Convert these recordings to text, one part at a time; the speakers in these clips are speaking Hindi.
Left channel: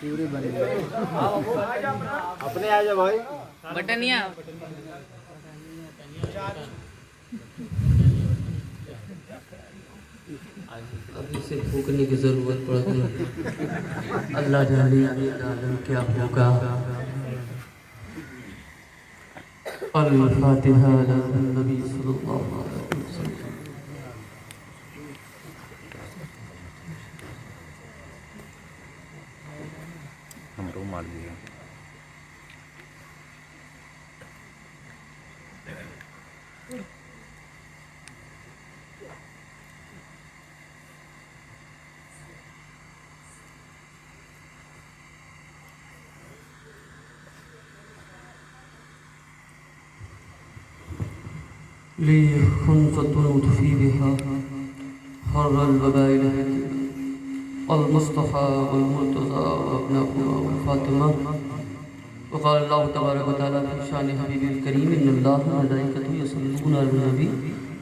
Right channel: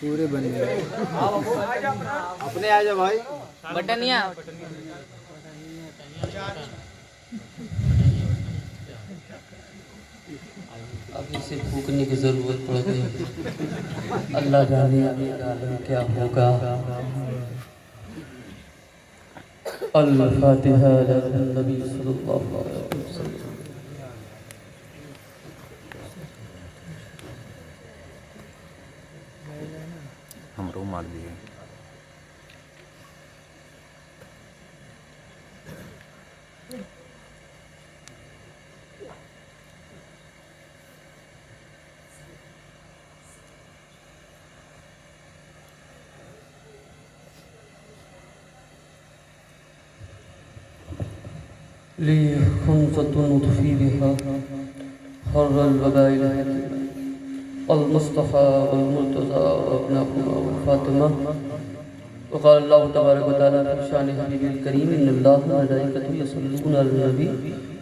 पूरे बने अपने आ जाओ भाई। बटनिया अब इसे फूकने की ज़रूरत पड़ गई। अल्लाह जाने आगे आलम क्या होगा। अल-फातिहा नबी सल्लल्लाहु अलैहि वसल्लम। हमरो मार दिए। ली खुंसतुन उतफी बिहा हर्रल वबाइल अल-मुस्तफ़ा वल-मुर्तज़ा वअब्नाहुमा फ़ातिमा वक़ाल अल्लाहु तबारक व तआला फ़ी शानि हबीबिल करीम इन्नल्लाह व मलाइकतहु यसल्लूना अलन नबी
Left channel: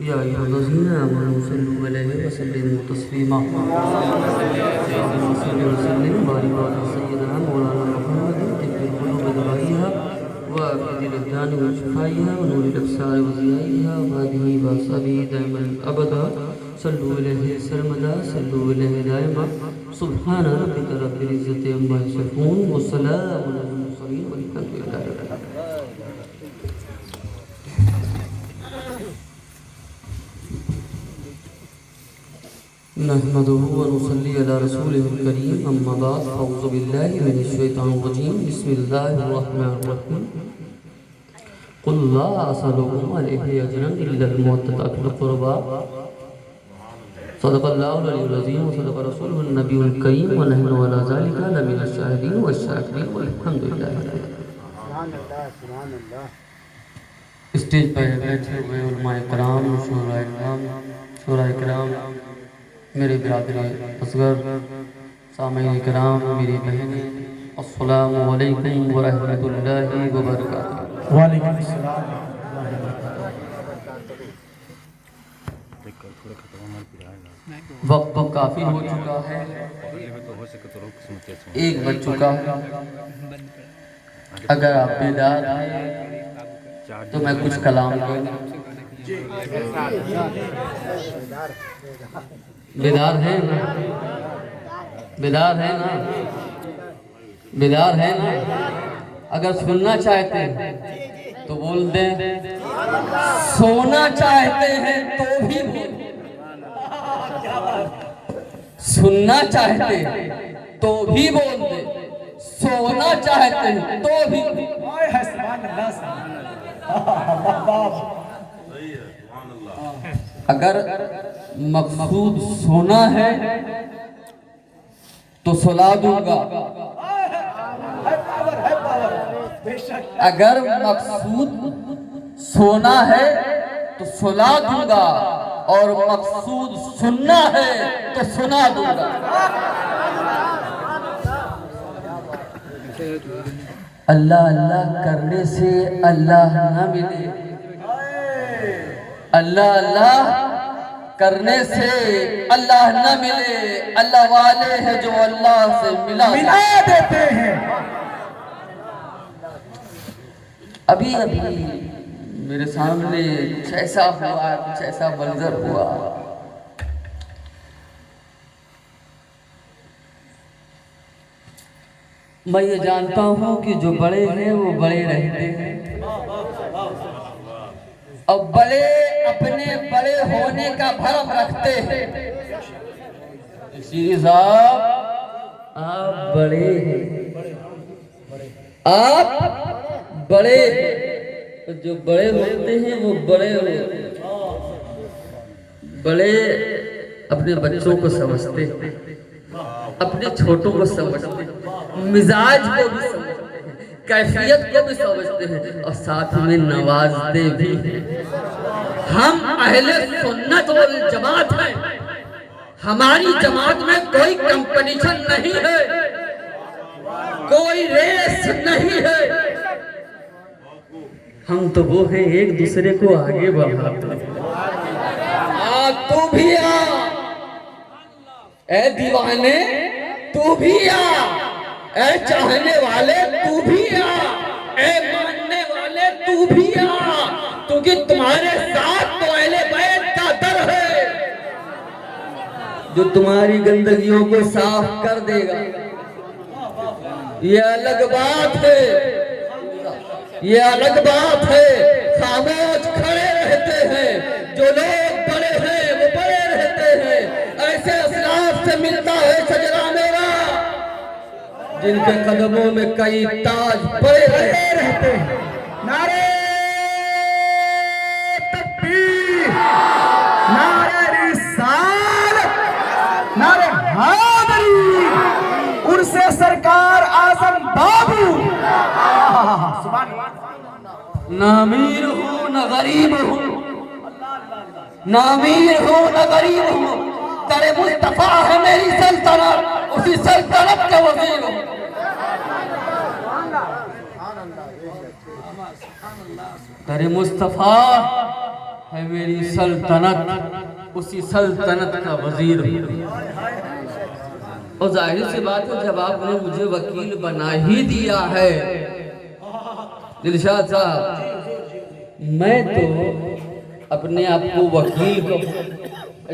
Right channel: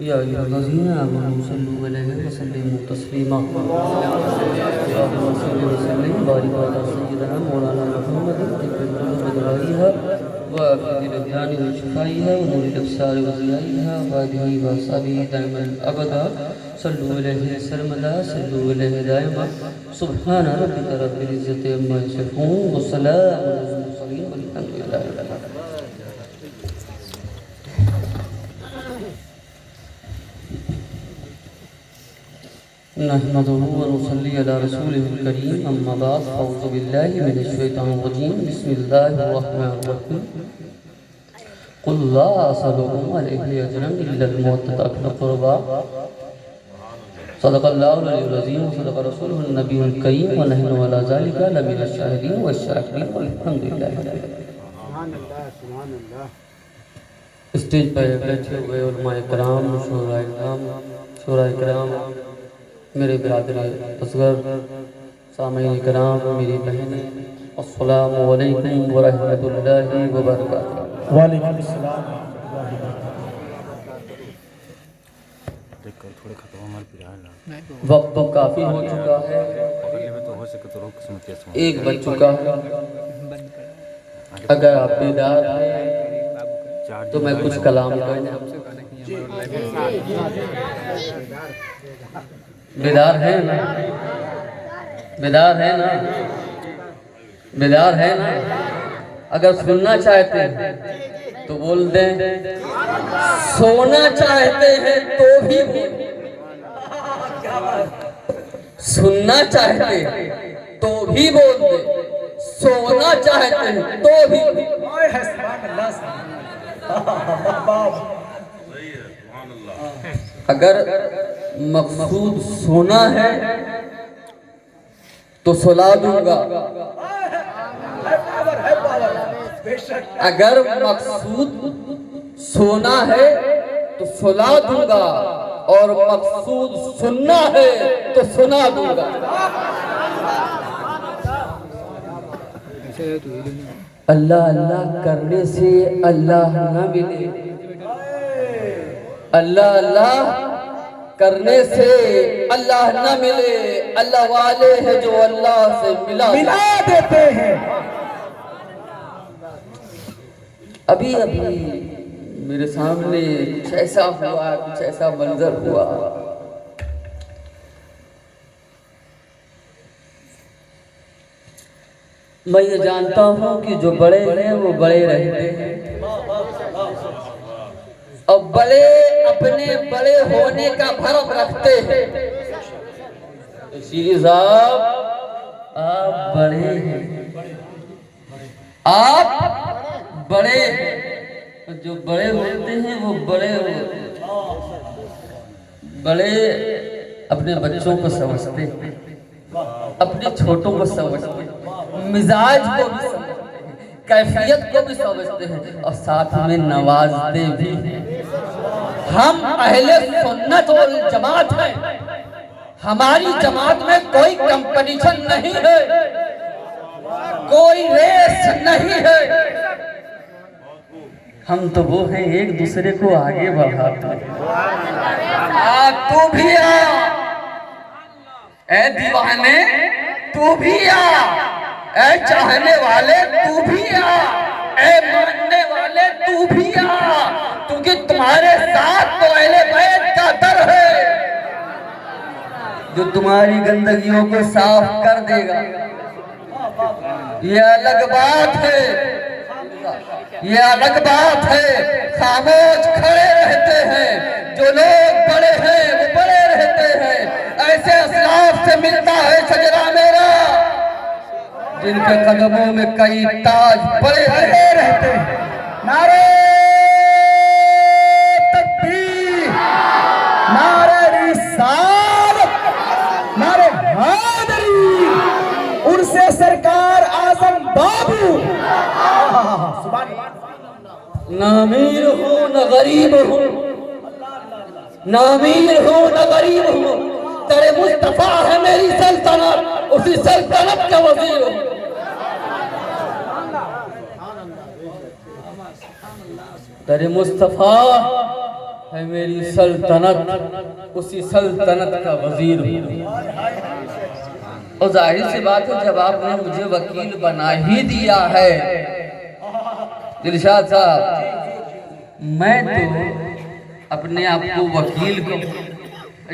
या अय्युहल्लज़ीना आमनू सल्लू अलैहि व सल्लिमू तस्लीमा। अल्लाहुम्मा सल्लि व सल्लिम व बारिक अला सय्यिदिना मौलाना मुहम्मदिन तिब्बिल क़ुलूब दवाइहा व अबदिल अब्दान व शिफ़ाइहा व नूरिल अब्सार व ज़ियाइहा व आदिही व असहाबिही दाइमन अबदा सल्लु अलैहि सरमदा सल्लु अलैहि दाइमा सुब्हान रब्बिका रब्बिल इज़्ज़ति अम्मा यसिफून व सलामुन अलल मुरसलीन वल्हम्दुलिल्लाहि रब्बिल आलमीन। नहमदुहु व नुसल्ली अला रसूलिहिल करीम अम्मा बाद अऊज़ु बिल्लाहि मिनश शैतानिर रजीम बिस्मिल्लाहिर रहमानिर रहीम। कुल ला असलुकुम अलैहि अजरन इल्लल मवद्दता फिल क़ुरबा सदक़ल्लाहुल अज़ीम व सदक़ रसूलुहुन नबियुल करीम व नहनु अला ज़ालिका लमिनश शाहिदीन व शाकिरीन वल्हम्दुलिल्लाहि रब्बिल आलमीन। स्टेज पर बैठे हुए उलमाए कराम, शोराए कराम, मेरे बिरादर असगर, सामईन कराम, मेरी बहनें, अस्सलामु अलैकुम व रहमतुल्लाहि व बरकातुहू। वालेकुम अस्सलाम। थोड़े खतरा मार पिया ना। वक्त तो काफ़ी हो चुका है, पकड़ ले तो हो सके तो रोक किस्मत से। एक बज चुका है। अगर आप बेदार हैं तो मैं कुछ कलाम करूँ। बेदार हैं ना? बेदार हैं ना? बेदार हैं ना? अगर सुनना चाहते हैं तो बोल दें, सोना चाहते हैं तो भी बोल, सुनना चाहते हैं तो भी बोल दे, सोना चाहते हैं तो भी। अगर मकसूद सोना है तो सुला दूंगा, अगर मकसूद सोना है तो सुला दूंगा, और मकसूद सुनना है तो सुना दूंगा। अल्लाह अल्लाह करने से अल्लाह न मिले, अल्लाह अल्लाह करने से अल्लाह न मिले। अल्लाह वाले हैं जो अल्लाह से मिला देते हैं। अभी अभी मेरे सामने कुछ ऐसा हुआ, कुछ ऐसा मंजर हुआ। मैं ये जानता हूँ कि जो बड़े हैं वो बड़े रहते हैं, और बड़े अपने बड़े होने का भरम रखते हैं। श्री साहब आप बड़े हैं, आप बड़े हैं, तो जो बड़े होते हैं वो बड़े होते हैं। बड़े अपने बच्चों को समझते हैं, अपने छोटों को समझते हैं, मिजाज को भी समझते हैं, कैफियत को भी समझते हैं, और साथ में नवाजते भी हैं। हम अहले सुन्नत वल जमात हैं। हमारी जमात में कोई कंपटीशन नहीं है, कोई रेस नहीं है। हम तो वो हैं एक दूसरे को आगे बढ़ाते हैं। तू भी आ, ए दीवाने तू भी आ, ए चाहने वाले तू भी आ, ए मानने वाले तू भी आ, क्योंकि तुम्हारे साथ तो अहले बैत का दर है जो तुम्हारी गंदगियों को साफ कर देगा। ये अलग बात है, ये अलग बात है। खामोश खड़े रहते हैं जो लोग बड़े हैं, वो बड़े रहते हैं। ऐसे असलाफ से मिलता है शजरा मेरा जिनके कदमों में कई ताज पड़े रहते हैं। नारे तकबीर, नारे रिसालत, नारे हैदरी, उनसे सरकार आजम बाबू। न अमीर हूँ न गरीब हूँ, न अमीर हूँ न गरीब हूँ, तेरे मुस्तफा है मेरी सल्तनत, उसी सल्तनत के वजीर हूँ। तेरे मुस्तफा है मेरी सल्तनत, उसी सल्तनत का वजीर हूँ। और जाहिर सी बात है जब आपने मुझे वकील बना ही दिया है दिलशाद साहब, मैं तो अपने आप को वकील कहूँ,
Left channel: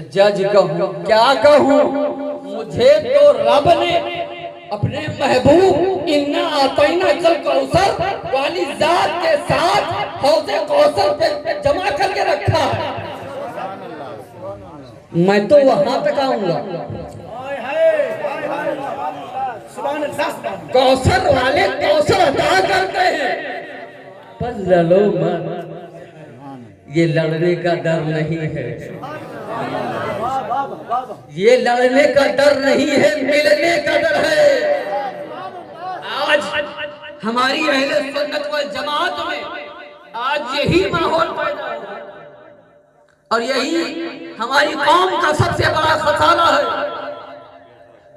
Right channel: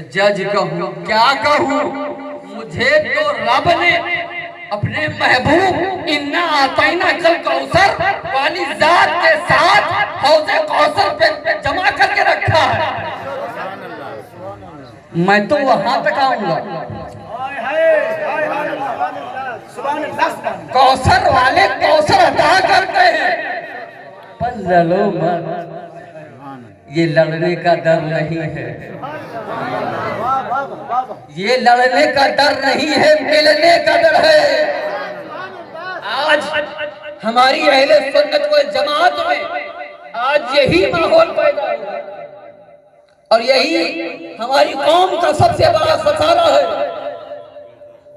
जज कहूँ, क्या कहूँ? मुझे तो रब ने अपने महबूब इन्ना आतैना कल कौसर वाली जात के साथ हौज़े कौसर पे जमा करके रखा है। मैं तो वहां तक आऊंगा। कौसर वाले कौसर अता करते हैं, पर लड़ो मत, ये लड़ने का डर नहीं है, ये लड़ने का डर नहीं है, मिलने का डर है। आज हमारी अहले सुन्नत वल जमात में आज यही माहौल पैदा हुआ और यही हमारी कौम का सबसे बड़ा खसारा है।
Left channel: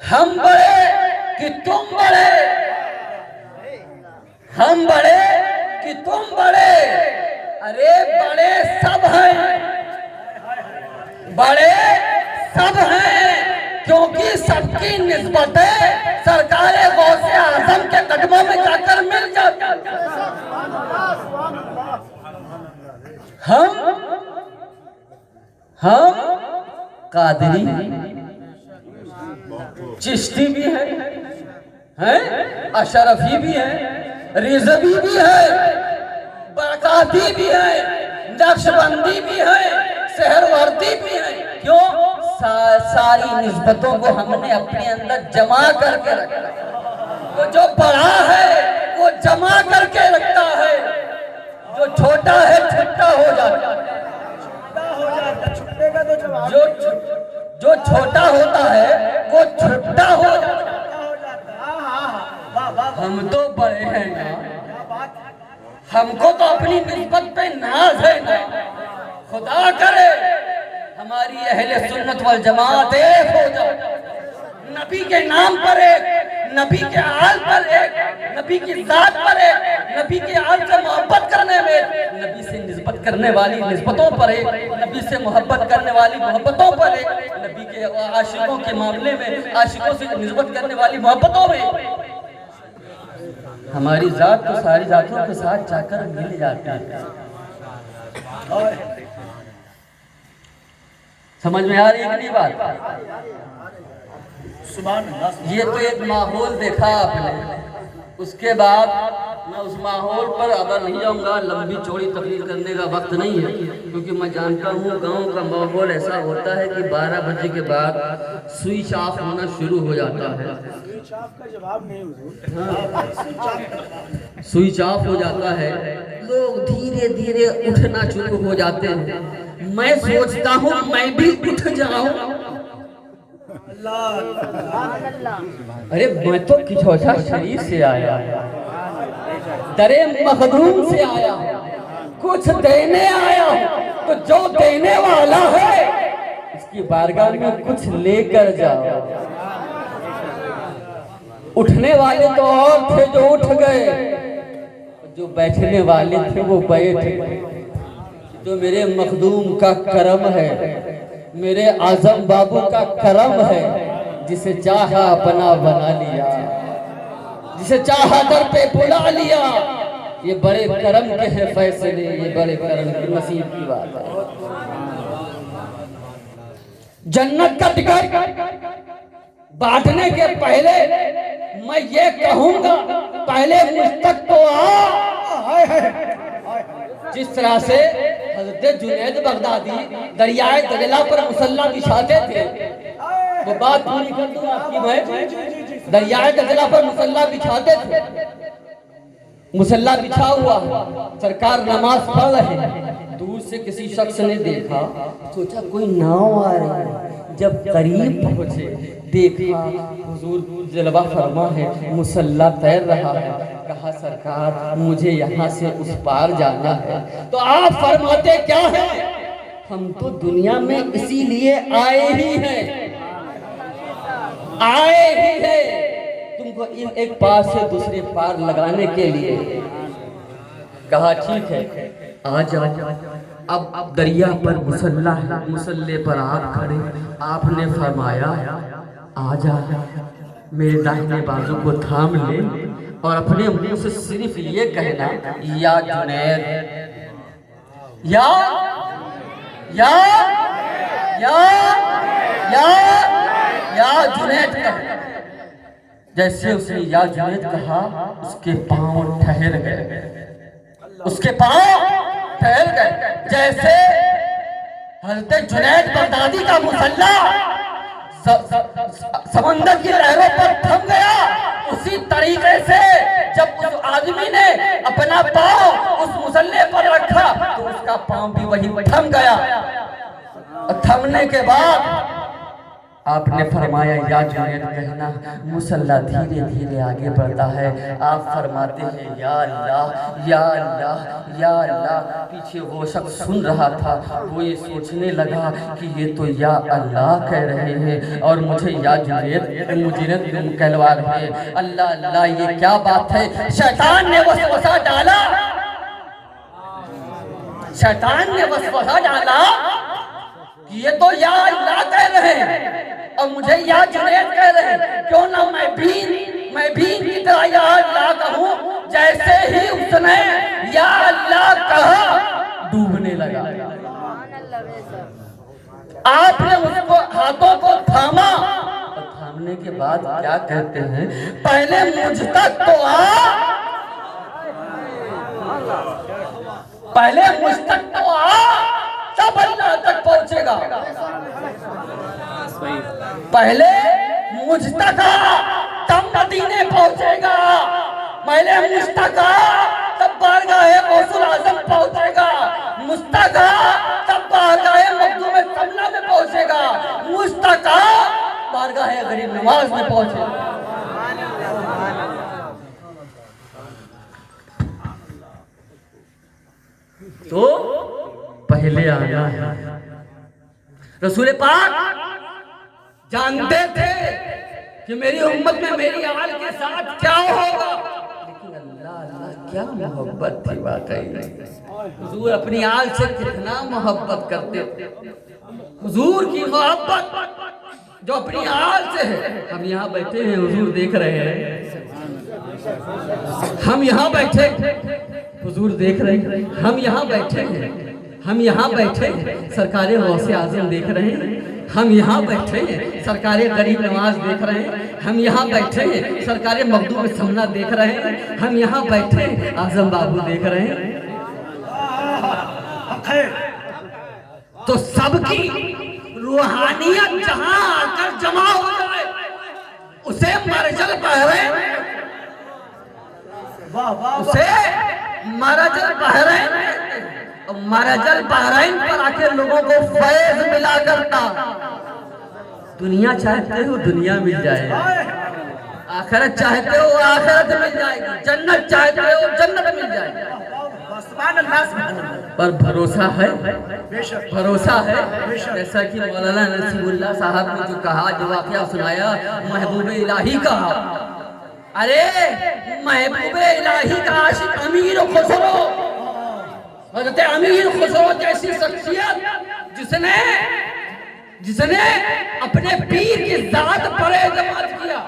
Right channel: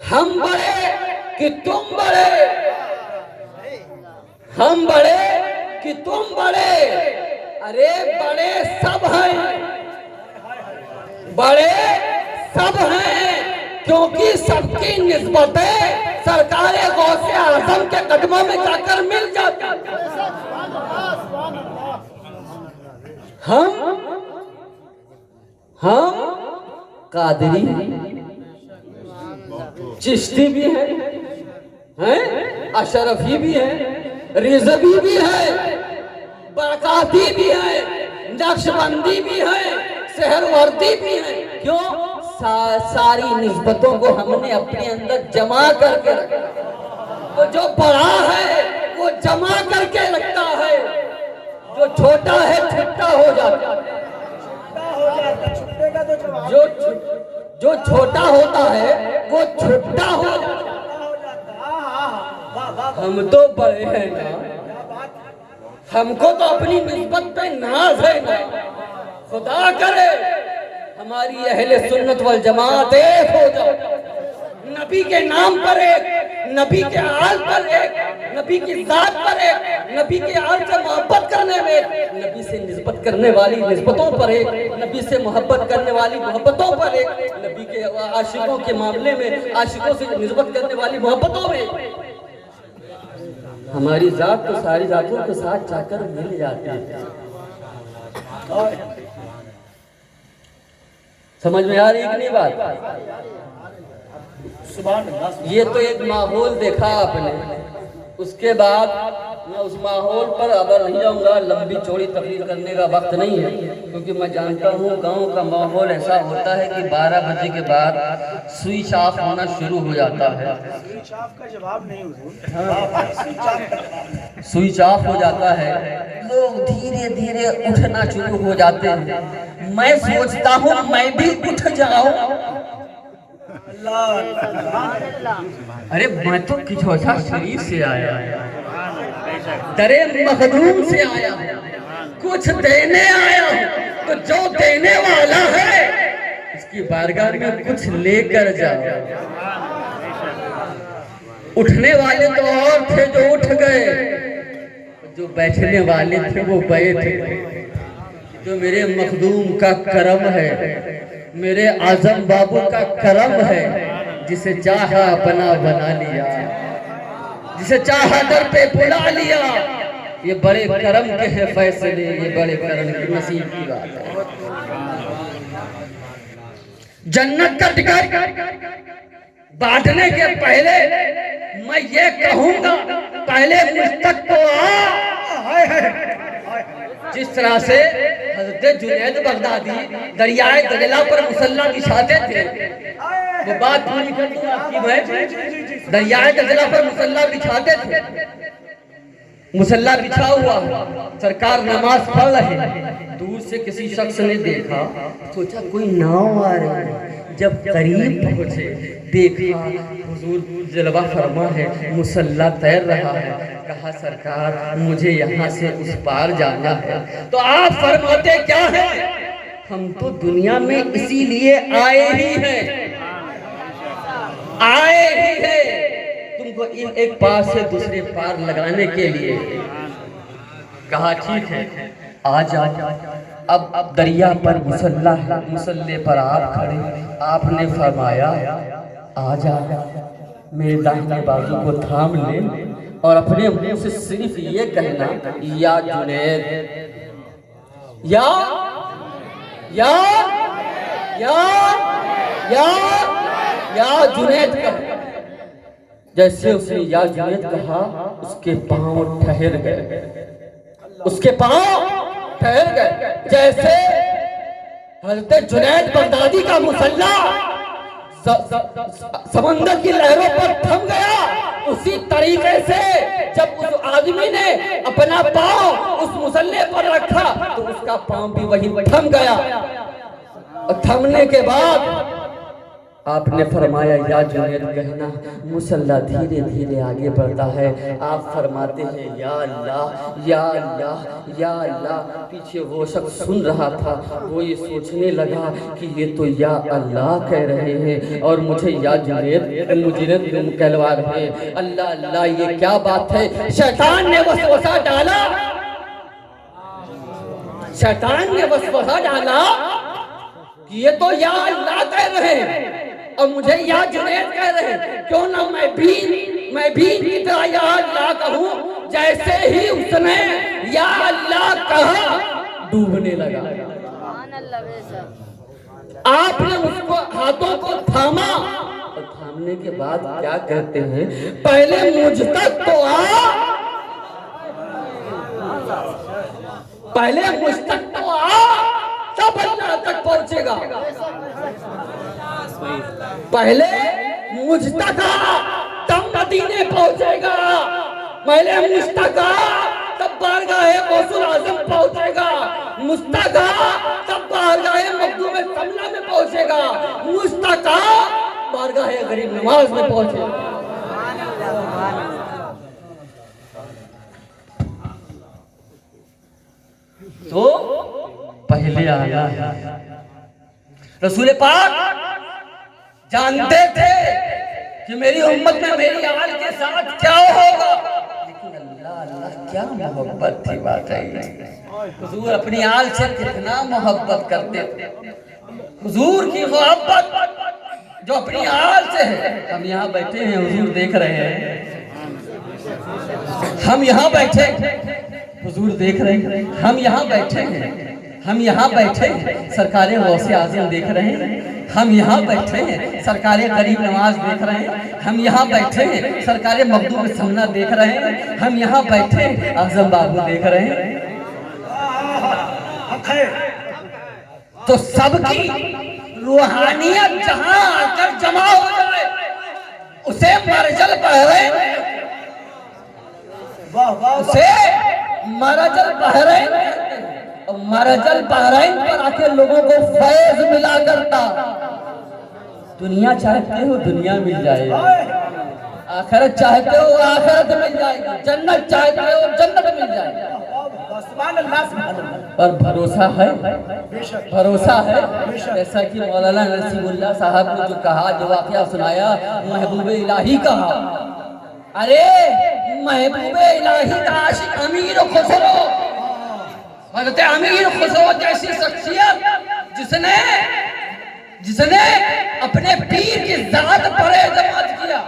हम बड़े कि तुम बड़े, हम बड़े कि तुम बड़े, अरे बड़े सब हैं, बड़े सब हैं, क्योंकि सबकी निस्बतें सरकार गौसे आज़म के कदमों में जाकर मिल जाती। हम कादरी चिश्ती भी हैं, अशरफी भी हैं, रिजवी भी है, बरकाती भी है, नक्शबंदी भी है, सहरवर्दी भी है। क्यों? सारी निस्बतों को हमने अपने अंदर जमा करके रखा। तो जो बड़ा है वो जमा करके रखता है, जो छोटा है छुट्टा हो जाता है। जो छोटा होता है वो छुट्टा हो जाता है। हम तो बड़े हैं ना, हमको तो अपनी निस्बत पे नाज है ना। खुदा करे हमारी अहले सुन्नत वल जमात एक हो जाए, नबी के नाम पर एक, नबी के आल पर एक, नबी की जात पर एक, नबी के आल से मोहब्बत करने में, नबी से निस्बत करने वाली निस्बतों पर एक, नबी से मोहब्बत करने वाली मोहब्बतों पर एक, नबी के आशिकों के मामले में आशिकों से निस्बत करने वाली मोहब्बतों में। हमारी जात तो सारी जातों के साथ जाकर मिल जाती है। समझ में आ रही है कि नहीं बात? ये तो एक माहौल देखा आपने, उसके बाद मैं उस माहौल पर अगर नहीं जाऊंगा, लंबी चौड़ी तकरीर करने का वक्त नहीं है, क्योंकि मैं जानता हूँ गांव का माहौल ऐसा होता है कि 12 बजे के बाद स्विच ऑफ होना शुरू हो जाता है। स्विच ऑफ का जवाब नहीं हुजूर। हाँ, स्विच ऑफ हो जाता है, लोग धीरे धीरे उठना शुरू हो जाते हैं। मैं सोचता हूँ मैं भी उठ जाऊं। अरे मैं तो किचौसा शरीफ से आया, दरे मखदूम से आया, कुछ देने आया हूं, तो जो देने वाला है उसकी बारगाह में कुछ लेकर जाओ। उठने वाले तो और थे जो उठ गए, जो बैठने वाले थे वो बैठ, तो मेरे मखदूम का करम है, मेरे आजम बाबू का करम है, जिसे चाहा अपना बना लिया, जिसे चाहा दर पे बुला लिया। ये बड़े करम के हैं फैसले, ये बड़े करम की नसीब की बात है। जन्नत का टिकट बांटने के पहले मैं ये कहूंगा, पहले मुझ तक तो आ। जिस तरह से हज़रत जुनैद बगदादी दरियाए दजला पर मुसल्ला बिछाते थे, वो बात पूरी कर दूं आपकी मैं। दरियाए दजला पर मुसल्ला बिछाते थे, मुसल्ला बिछा हुआ, सरकार नमाज पढ़ रहे, दूर से किसी शख्स ने देखा, सोचा कोई नाव आ रही है। जब करीब पहुंचे देखा हुजूर जलवा फरमा है, मुसल्ला तैर रहा है। कहा सरकार मुझे यहाँ से उस पार जाना है। तो आप फरमाते क्या है, हम तो दुनिया में इसीलिए आए ही हैं, आए ही हैं तुमको एक पार से दूसरे पार लगाने के लिए। कहा ठीक है आ जाओ। अब दरिया पर मुसल्ला है, मुसल्ले पर आप खड़े, आपने फरमाया आ जा, मेरे दाहिने बाजू को थाम ले और अपने मुंह से सिर्फ ये कहना, या जुनैद, या या या या या जुनैद कह। जैसे उसने या जुनैद कहा, उसके पांव ठहर गए, उसके पांव ठहर गए। जैसे हज़रत जुनैद बगदादी का मुसल्ला समंदर की लहरों पर थम गया, उसी तरीके से जब उस आदमी ने अपना पांव उस मुसल्ले पर रखा तो उसका पांव भी वहीं थम गया। और थमने के बाद आपने फरमाया या जुनैद कहना, मुसल्ला धीरे धीरे आगे बढ़ता है। आप फरमाते हैं या अल्लाह या अल्लाह या अल्लाह। पीछे वो शख्स सुन रहा था, वो ये सोचने लगा कि ये तो या अल्लाह कह रहे हैं और मुझे या जुनैद कहलवा रहे हैं। अल्लाह अल्लाह ये क्या बात है। शैतान ने वसवसा डाला, शैतान ने वसवसा डाला कि ये तो या अल्लाह कह रहे हैं और मुझे या जुनैद कह रहे हैं, क्यों ना मैं भी की तरह या अल्लाह कहूं। जैसे ही उसने या अल्लाह कहा, डूबने लगा। आपने उसको हाथों को थामा और थामने के बाद क्या कहते हैं, पहले मुझ तक तो आ, पहले मुझ तक तो आ, तब अल्लाह तक पहुंचेगा। पहले मुझ तक आ, तब मदीने पहुंचेगा। पहले मुझ तक आ, तब बारगाहे गौसुल आजम पहुंचेगा। मुझ तक आ, तब बारगाहे मखदूम समला में पहुंचेगा। मुझ तक आ, बारगाहे गरीब नवाज में पहुंचेगा। तो पहले आना है। रसूल पाक जानते थे कि मेरी उम्मत में मेरी आल के साथ क्या होगा, लेकिन अल्लाह अल्लाह क्या मोहब्बत थी वाकई। हुजूर अपनी आल से कितना मोहब्बत करते थे। हुजूर की मोहब्बत जो अपनी आल से है। हम यहाँ बैठे हैं, हुजूर देख रहे हैं, हम यहाँ बैठे, हुजूर देख रहे हैं, हम यहाँ बैठे हैं, हम यहाँ बैठे हैं, सरकार गौसे आज़म देख रहे हैं, हम यहाँ बैठे हैं, सरकार गरीब नवाज देख रहे हैं, हम यहाँ बैठे हैं, सरकार मखदूम समना देख रहे हैं, हम यहाँ बैठे हैं, आज़म बाबू देख रहे हैं। तो सबकी रूहानियत जहाँ आकर जमा हो जाए, उसे मरजल बहरे, उसे मरजल बहरे, मरजल बहरैन पर आके लोगों को फैज मिला करता। दुनिया चाहते हो दुनिया मिल जाएगी, आखिरत चाहते हो आखिरत मिल जाएगी, जन्नत चाहते हो जन्नत मिल जाएगी। पर भरोसा है, भरोसा है। जैसा कि मौलाना नसीमुल्लाह साहब ने जो कहा, जो वाकया सुनाया, महबूब इलाही कहा, अरे महबूब इलाही का आशिक अमीर खुसरो, हज़रत अमीर खुसरो जैसी शख्सियत जिसने अपने पीर की जात पर एतमाद किया।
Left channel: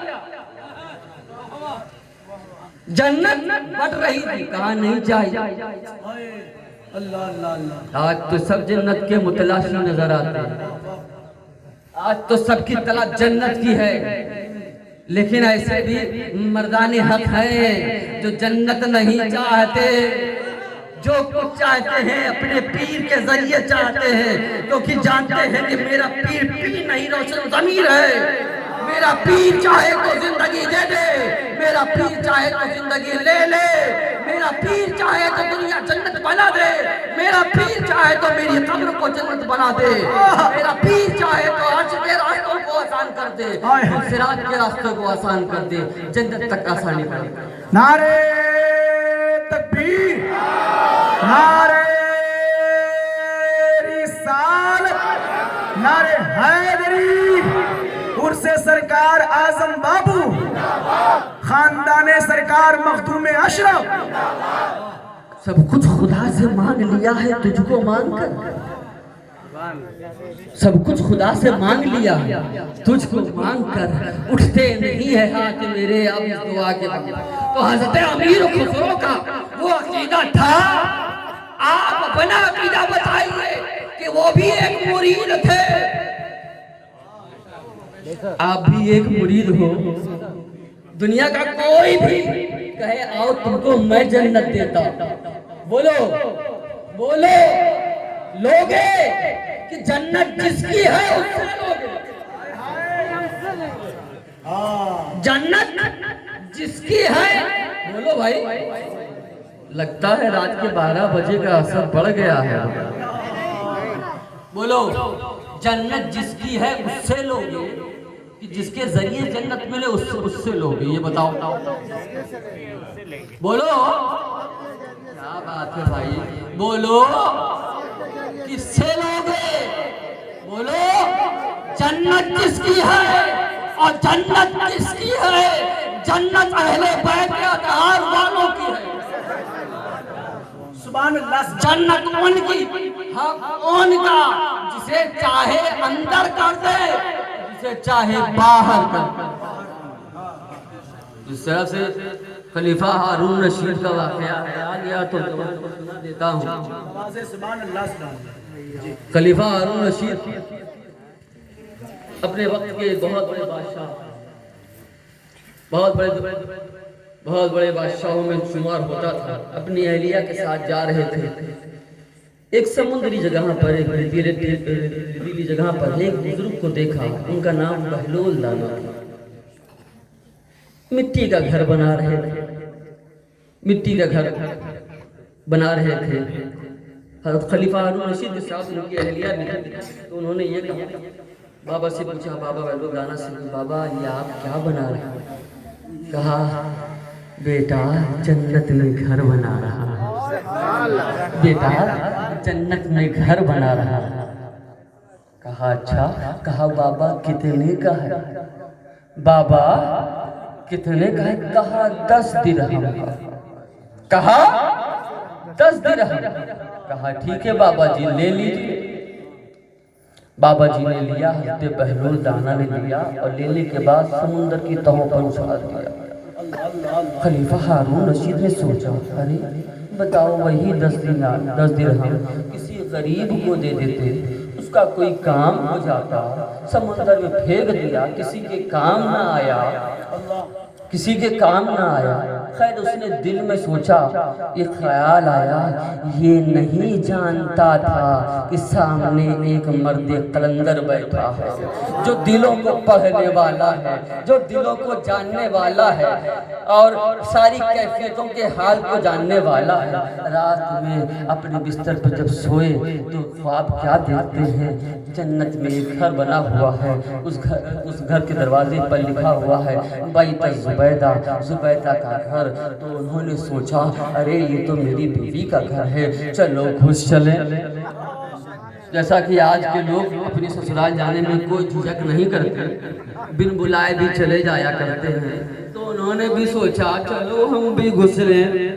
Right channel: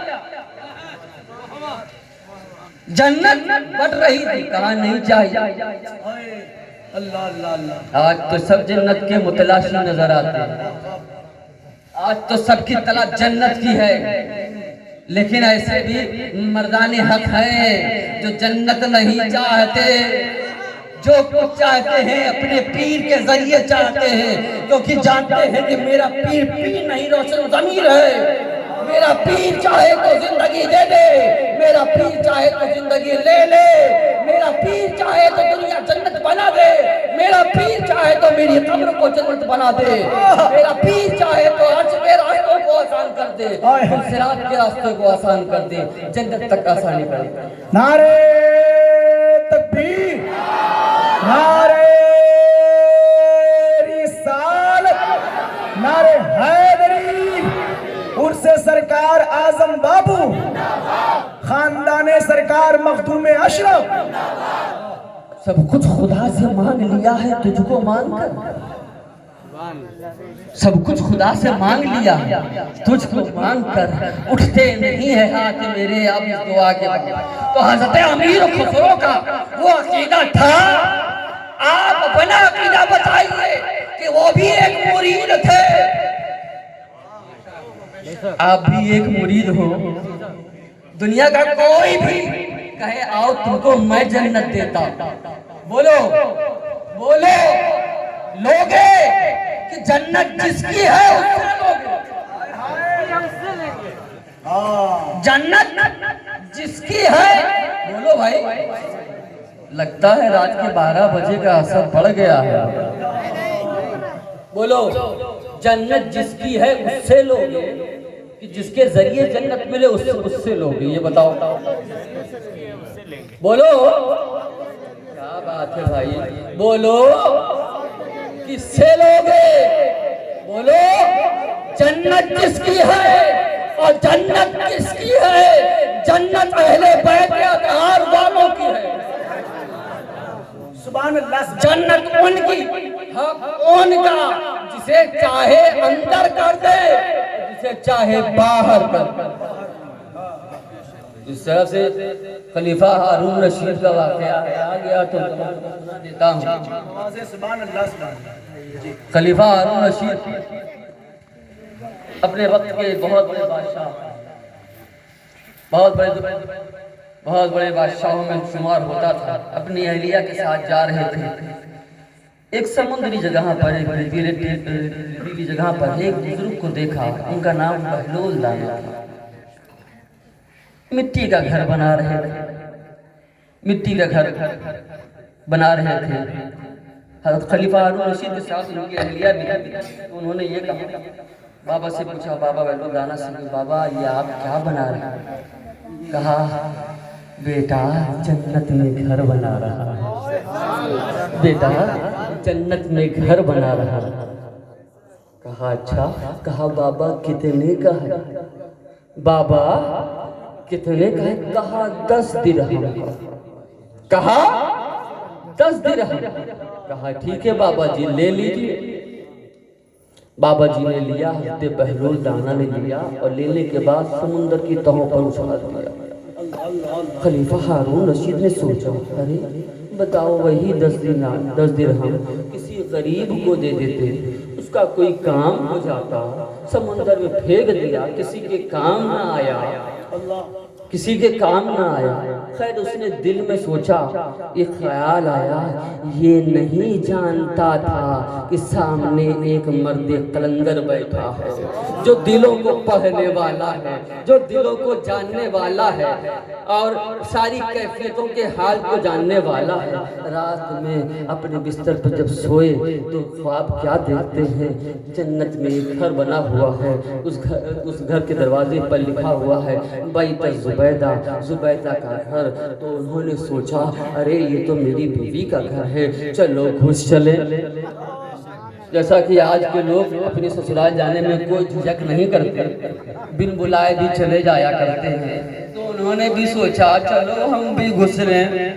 जन्नत बढ़ रही थी, कहा नहीं चाहिए। अल्लाह अल्लाह अल्लाह। आज तो सब जन्नत के मुतलाशी नजर आते हैं, आज तो सबकी तलाश जन्नत की है, लेकिन ऐसे भी मर्दानी हक हैं जो जन्नत नहीं चाहते, जो कुछ चाहते हैं अपने पीर के जरिए चाहते हैं, क्योंकि जानते हैं कि मेरा पीर नहीं रोशन ज़मीर है। मेरा पीर चाहे तो जिंदगी दे दे, मेरा पीर चाहे तो जिंदगी ले ले, मेरा पीर चाहे तो दुनिया जन्नत बना दे, मेरा पीर चाहे तो मेरी कब्र को जन्नत बना दे, मेरा पीर चाहे तो अर्श के रास्तों को आसान कर दे, सिरात के रास्ते को आसान कर दे, जन्नत तक आसानी बने। नारे तकबीर, नारे रिसालत, नारे हैदरी, उर्से सरकार आजम बाबू, खानदाने सरकार मखदूम अशरफ। सब कुछ खुदा से मांग लिया है तुझको मांग कर, सब कुछ खुदा से मांग लिया तुझको मांग कर, उठते नहीं है हाथ मेरे अब इस दुआ के बाद। तो हज़रत अमीर खुसरो का वो अकीदा था, आप अपना अकीदा बताइए कि वो भी एक मुरीद थे, आप भी एक मुरीद हो। दुनिया का कोई भी कहे आओ तुमको मैं जन्नत देता, बोलो बोलो लोगे कि जन्नत जिसकी है उससे लोगे, जन्नत जिसकी है, बोलो भाई। लगता है रात के 12 बजे का असर बढ़ गया है, बोलो जन्नत जिसकी है उससे लोगे कि जिसके जरिए जन्नत मिले उससे लोगे, ये बताओ बोलो। क्या बात है भाई, बोलो किससे लोगे, बोलो जन्नत जिसकी है, और जन्नत किसकी है, जन्नत अहले बैत के अतहार वालों की है, सुभान अल्लाह। जन्नत उनकी, हक उनका, जिसे चाहे अंदर कर दे, जिसे चाहे बाहर कर दे। इस तरह से खलीफा हारून रशीद का वाकया है, आ गया तो सुना देता हूँ। सुभान अल्लाह, सुभान अल्लाह। खलीफा हारून रशीद अपने वक्त के बहुत बड़े बादशाह, बहुत बड़े बादशाहों में शुमार होता था। अपनी अहलिया के साथ जा रहे थे, एक समुद्री जगह पर, एक रेतीली जगह पर एक बुजुर्ग को देखा, उनका नाम बहलोल दाना था। मिट्टी का घर बना रहे थे, मिट्टी का घर बना रहे थे। हज़रत खलीफा हारून रशीद के साथ उनकी अहलिया निकली, तो उन्होंने ये कहा, बाबा से पूछा, बाबा बहलोल दाना से, बाबा ये आप क्या बना रहे हैं? कहा बेटा जन्नत में घर बना रहा, बेटा जन्नत में घर बना रहा। कहा अच्छा, कहा बाबा कितने का है? बाबा कितने का है? कहा 10 दिरहम। कहा 10 दिरहम। कहा ठीक है बाबा जी ले लीजिए। बाबा जी ने लिया, हज़रत बहलोल दाना ने लिया और लेने के बाद समुंदर की तहों पर उछाल दिया। खलीफा हारून रशीद ने सोचा, अरे बताओ वही 10 दिरहम किसी गरीब को दे देते, उसका कोई काम हो जाता। समुंदर में फेंक दिया, किसी के काम ना आया, किसी के काम ना आया। खैर उसने दिल में सोचा, ये ख्याल आया, ये नहीं जानता था कि सामने एक मर्द कलंदर बैठा है, जो दिलों को पढ़ने वाला है, जो दिलों को जानने वाला है और सारी कैफियतों के हाल को जानने वाला है। रात में अपने बिस्तर पर जब सोए तो ख्वाब क्या देखते हैं? जन्नत में एक घर बना हुआ है, उस घर के दरवाजे पर लिखा हुआ है बैत ज़ुबैदा, ज़ुबैदा का घर। तो उन्होंने सोचा, अरे ये तो मेरी बीवी का घर है, चलो घुस चले। जैसा कि आज के लोग अपने ससुराल जाने में कोई झिझक नहीं करते, बिन बुलाए भी चले जाया करते हैं। तो उन्होंने भी सोचा चलो हम भी घुस रहे हैं,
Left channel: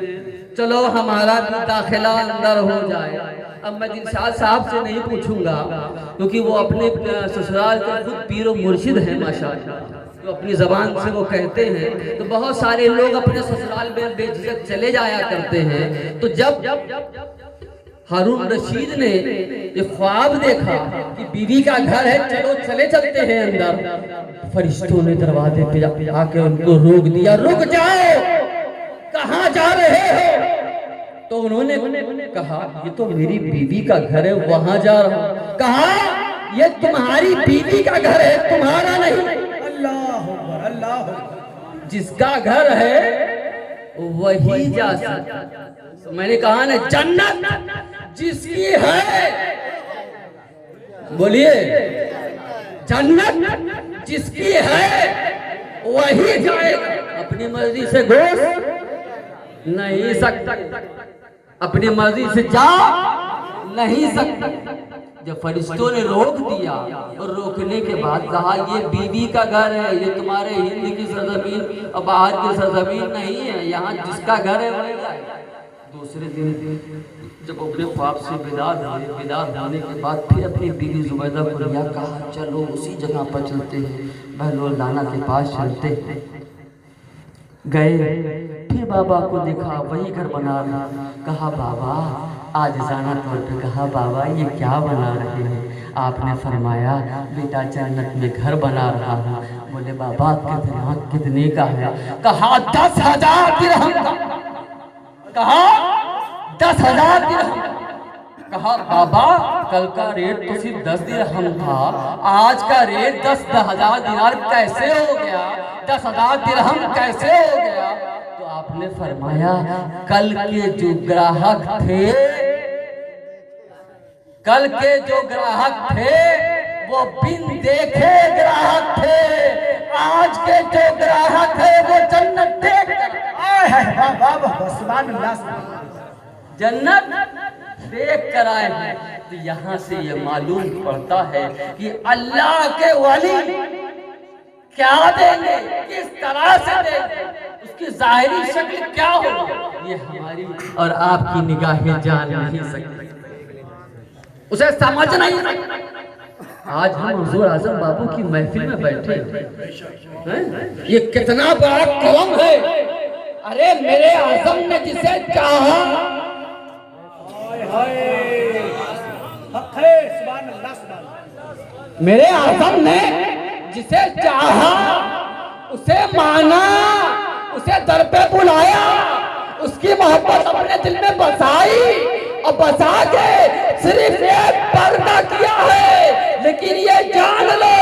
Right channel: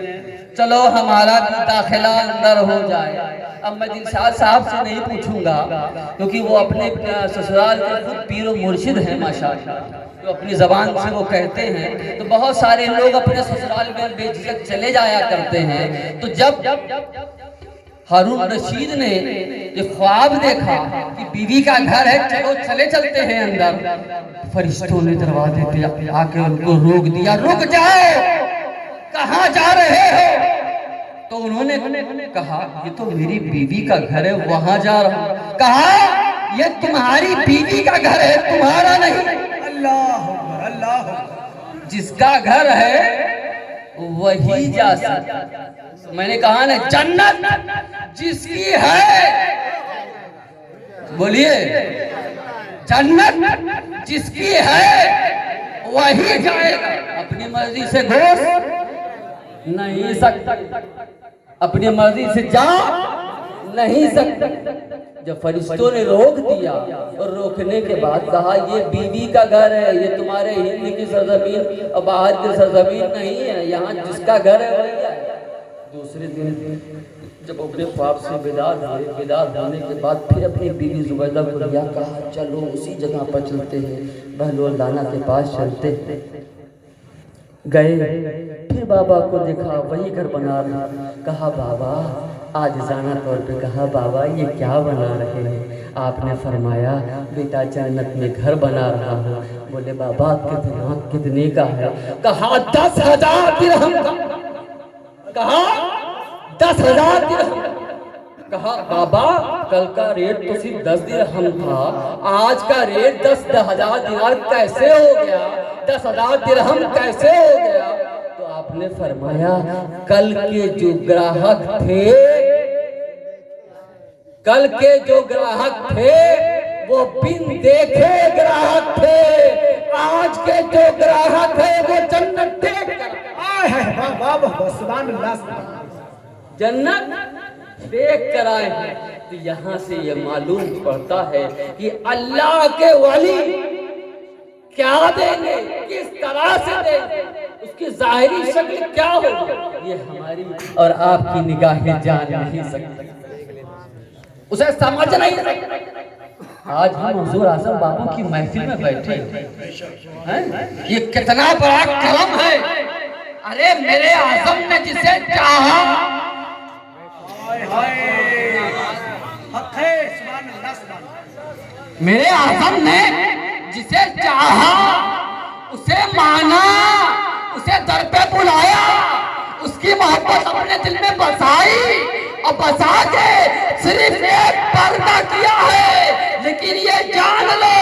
चलो हमारा भी दाखिला अंदर हो जाए। अब मैं दिलशाद साहब से नहीं पूछूंगा क्योंकि वो अपने ससुराल के खुद पीर और मुर्शिद हैं माशाअल्लाह, तो अपनी जबान से वो कहते हैं। तो बहुत सारे लोग अपने ससुराल में बेझिझक चले जाया करते हैं। तो जब हारून रशीद ने ये ख्वाब देखा कि बीवी का घर है, चलो चले चलते हैं अंदर, फरिश्तों ने दरवाजे पे आके उनको रोक दिया, रुक जाओ, कहाँ जा रहे हो? तो उन्होंने कहा ये तो मेरी बीवी का घर है, वहां जा रहा हूं। कहा ये तुम्हारी बीवी का घर है, तुम्हारा नहीं। अल्लाह अल्लाह, जिसका घर है वही जा सकता। मैंने कहा ना, जन्नत जिसकी है, बोलिए, जन्नत जिसकी है वही जाएगा। अपनी मर्जी से घुस नहीं सकता, अपनी मर्जी से जा नहीं सकता। जब फरिश्तों ने रोक दिया और रोकने के बाद कहा ये बीवी का घर है, ये तुम्हारे हिंद की सरजमीन और बाहर की सरजमीन नहीं है, यहाँ जिसका घर है वही जाएगा। दूसरे दिन जब अपने ख्वाब से विदा होने के बाद फिर अपनी बीवी जुबैदा को लिया, कहा चलो उसी जगह पर चलते हैं, बहलोल दाना के पास चलते हैं। गए, फिर बाबा को देखा वही घर बना रहा। कहा बाबा, आज जाना तौर पे कहा बाबा ये क्या बना रहे हैं? आपने फरमाया बेटा जन्नत में घर बना रहा हूँ। बोले बाबा कितने का है? कहा 10,000 दिरहम का। कहा 10,000 दिरहम। कहा बाबा कल का रेट तो सिर्फ 10 दिरहम था, आज का रेट 10,000 दिनार कैसे हो गया? 10,000 दिरहम कैसे हो गया? तो आपने फरमाया कल के जो ग्राहक थे, कल के जो ग्राहक थे वो बिन देखे ग्राहक थे, आज के जो ग्राहक है वो जन्नत देख जन्नत देख कर आए हैं। तो यहाँ से ये मालूम पड़ता है कि अल्लाह के वली क्या देंगे, किस तरह से देंगे, उसकी जाहिरी शक्ल क्या होगी, ये हमारी और आपकी निगाहें जान नहीं सकती, उसे समझ नहीं सकती। आज हम हुजूर आजम बाबू की महफिल में बैठे हैं, ये कितना बड़ा करम है। अरे मेरे आजम ने जिसे चाहा, मेरे आजम ने जिसे चाहा उसे माना, उसे दर पे बुलाया, उसकी मोहब्बत अपने दिल में बसाई और बसा के सिर्फ एक पर्दा किया है। लेकिन ये जान लो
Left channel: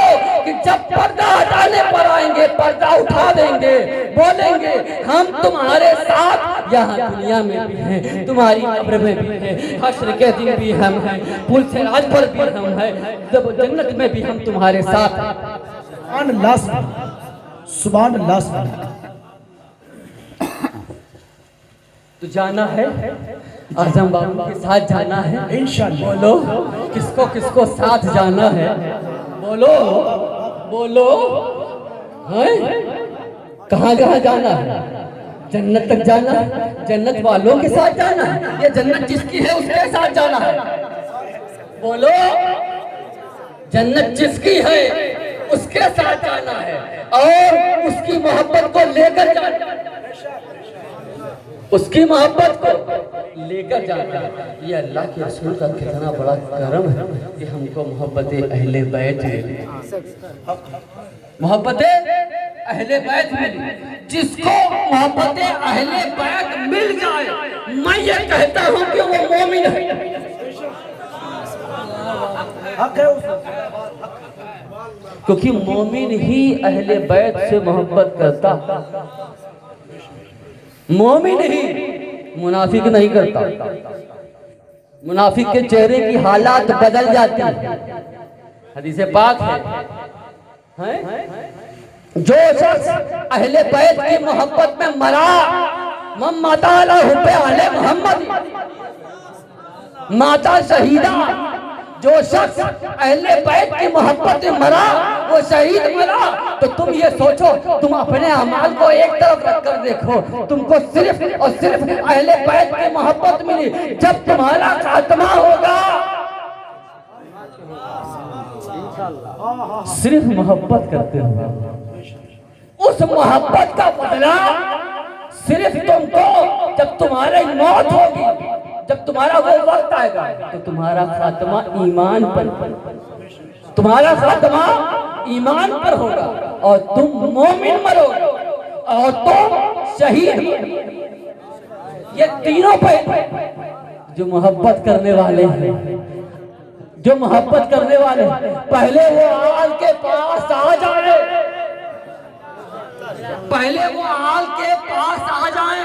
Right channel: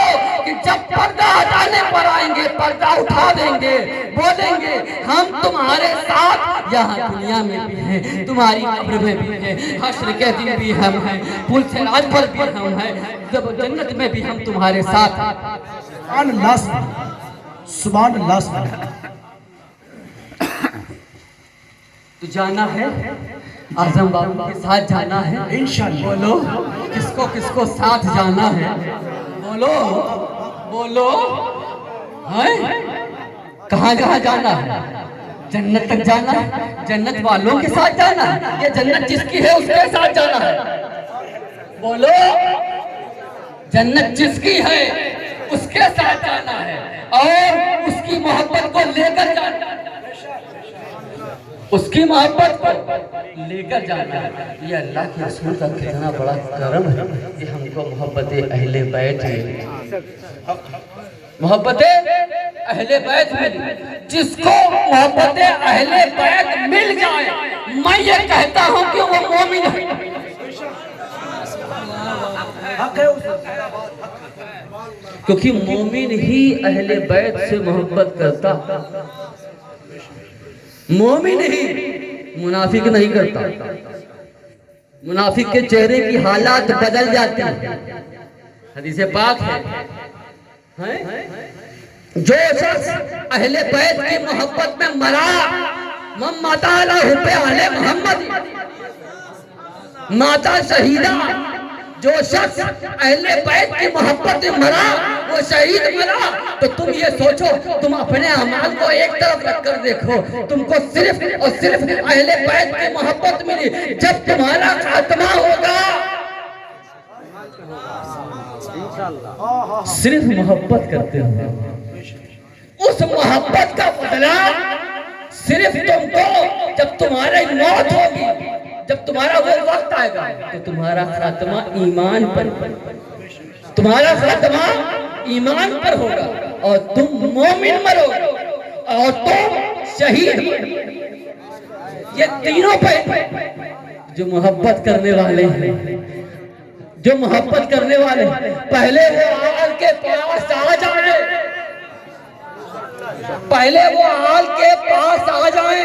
कि जब पर्दा हटाने पर आएंगे, पर्दा उठा देंगे, बोलेंगे हम तुम्हारे साथ यहाँ दुनिया में भी हैं, तुम्हारी कब्र में भी हैं, हश्र के दिन भी हम हैं, पुल से आज पर भी हम हैं, जब जन्नत में भी हम तुम्हारे साथ हैं। सुभान अल्लाह। तो जाना है आजम बाबू के साथ जाना है इंशाअल्लाह। बोलो किसको किसको साथ जाना है? बोलो बोलो, हैं? कहाँ कहाँ जाना है? जन्नत तक जाना है, जन्नत वालों के साथ जाना है, या जन्नत जिसकी है उसके साथ जाना है? बोलो, जन्नत जिसकी है उसके साथ जाना है और उसकी मोहब्बत को लेकर जाना है, उसकी मोहब्बत को लेकर जाना है। ये अल्लाह के रसूल का कितना बड़ा करम है कि हमको मोहब्बत अहले बैत मिली, मोहब्बत अहले बैत मिली। जिसको मोहब्बत अहले बैत मिल जाए, मैं ये कहता हूँ कि वो मोमिन है। क्योंकि मोमिन ही अहले बैत से मोहब्बत करता, मोमिन ही, मुनाफिक नहीं करता। मुनाफिक के चेहरे की हालात बदल जाती है, हदीस पाक है। जो शख्स अहले बैत की मोहब्बत में मरा, मम्मता अला हुब्बे अहले मोहम्मद, माता शहीदा, जो शख्स अहले बैत की मोहब्बत में मरा वो शहीद मरा। तो तुम ये सोचो, तुम अपने अमाल को एक तरफ रखकर देखो, तुमको सिर्फ और सिर्फ अहले बैत की मोहब्बत मिली। जब तुम्हारा खात्मा होगा सिर्फ मोहब्बत करते हो, उस मोहब्बत का बदला सिर्फ तुमको जब तुम्हारी मौत होगी, जब तुम्हारा वो वक्त आएगा तो तुम्हारा खात्मा ईमान पर, तुम्हारा खात्मा ईमान पर होगा और तुम मोमिन मरोगे और तुम शहीद। ये तीनों पे जो मोहब्बत करने वाले हैं, जो मोहब्बत करने वाले पहले वो आल के पास आ जाए, पहले वो आल के पास आ जाए,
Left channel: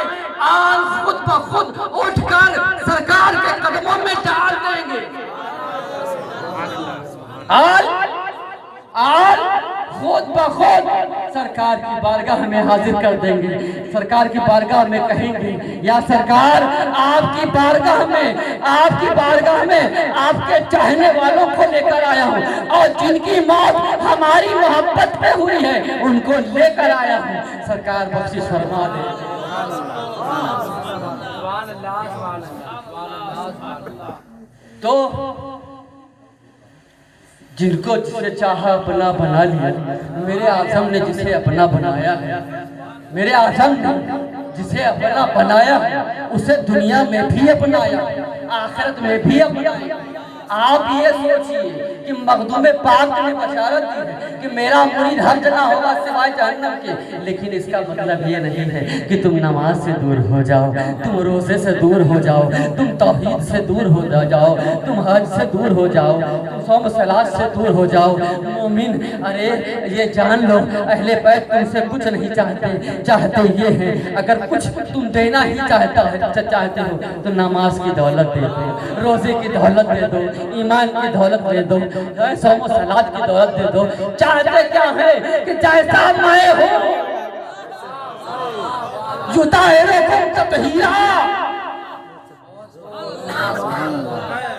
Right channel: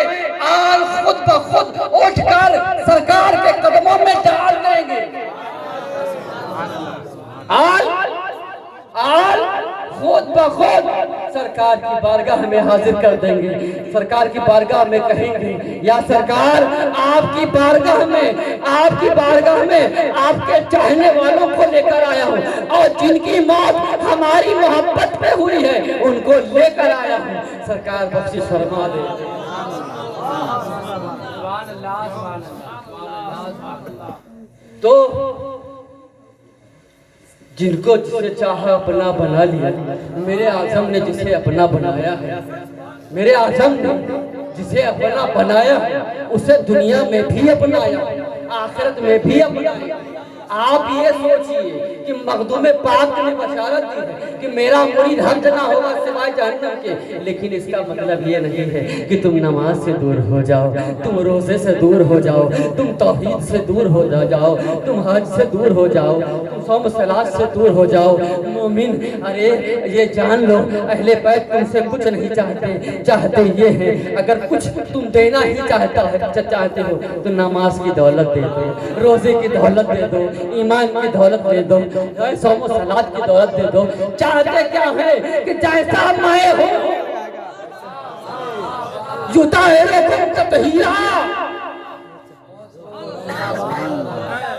आल खुद ब खुद उठकर सरकार के कदमों में डाल देंगे। आल खुद ब खुद सरकार की बारगाह में हाजिर कर देंगे। सरकार की बारगाह में कहेंगे, या सरकार आपकी बारगाह में आपके चाहने वालों को लेकर आया हूँ और जिनकी मौत हमारी मोहब्बत पे हुई है उनको लेकर आया हूँ। सरकार बख्शिश फरमा दे। तो जिनको जिसे चाहा अपना बना लिया, मेरे आज़म ने जिसे अपना बनाया है, मेरे आज़म ने जिसे अपना बनाया उसे दुनिया में भी अपनाया, आखिरत में भी अपनाया। आप ये सोचिए कि मखदूम पाक ने बशारत दी है कि मेरा मुरीद हर्ज ना होगा सिवाय जहन्नम के, लेकिन इसका मतलब ये नहीं है कि तुम नमाज से दूर हो जाओ, तुम रोजे से दूर हो जाओ, तुम तौहीद से दूर हो जाओ, तुम हज से दूर हो जाओ, तुम सौम सलात से दूर हो जाओ। मोमिन, अरे ये जान लो, अहले बैत तुमसे कुछ नहीं चाहते ये है, अगर कुछ तुम देना ही चाहते हो तो नमाज की दौलत दे दो, रोजे की दौलत दे दो, ईमान की दौलत दे दो, सौम सलात की दौलत दे दो। चाहते क्या है कि जैसा मैं हो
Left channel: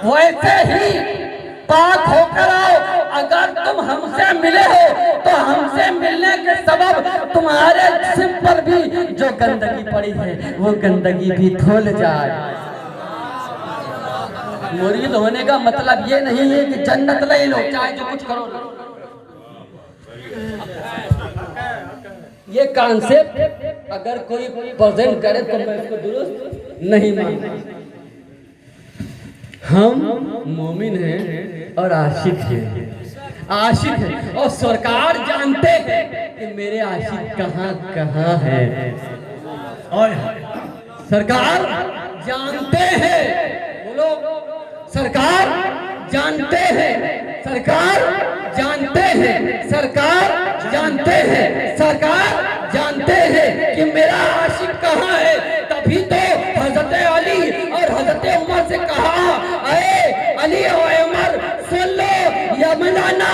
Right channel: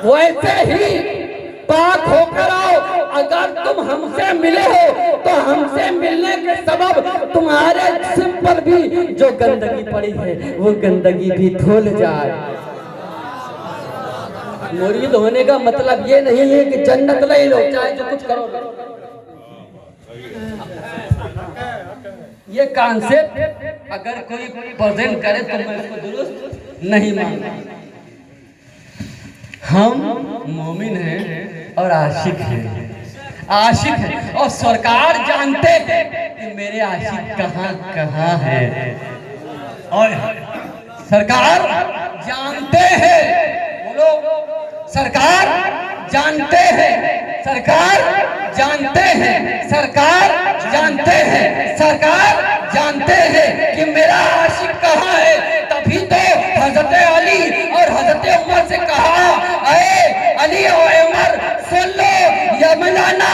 वैसे ही पाक होकर आओ। अगर तुम हमसे मिले हो तो हमसे मिलने के सबब तुम्हारे जिस्म पर भी जो गंदगी पड़ी है वो गंदगी भी धुल जाए। मुरीद होने का मतलब ये नहीं है कि जन्नत नहीं लो, चाहे जो कुछ करो। ये कॉन्सेप्ट अगर कोई प्रेजेंट करे तो मैं इसको दुरुस्त नहीं मानता। हम मोमिन हैं और आशिक हैं और सरकार जानते हैं कि मेरे आशिक कहाँ है। और सरकार जानते हैं, बोलो, सरकार जानते हैं, सरकार जानते हैं, सरकार जानते हैं, सरकार जानते हैं कि मेरा आशिक कहाँ है। तभी तो हजरत अली और हजरत उमर से कहा, अरे अली और उमर सुन लो, यमनाना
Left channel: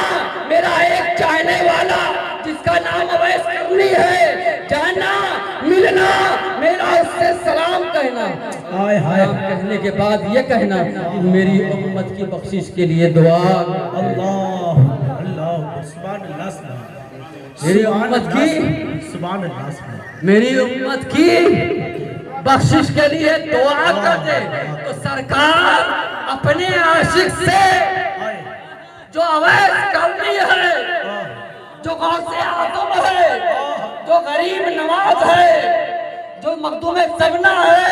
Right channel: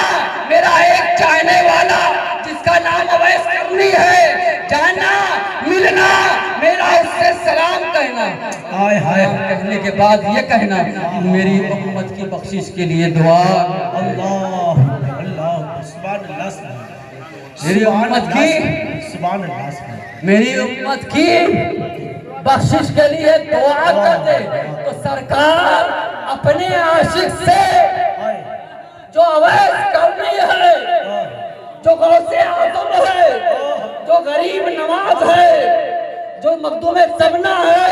मेरा एक चाहने वाला जिसका नाम अवैस करनी है, जाना मिलना, मेरा उससे सलाम कहना। हाय हाय कहने के बाद ये कहना कि मेरी उम्मत की बख्शिश के लिए दुआ। अल्लाह अल्लाह सुभान अल्लाह, मेरी उम्मत की, सुभान अल्लाह, मेरी उम्मत की बख्शिश के लिए दुआ कर दे। तो सरकार अपने आशिक से जो अवैस करनी है, जो गौसे आज़म है, जो गरीब नवाज है, जो मखदूम सबना है,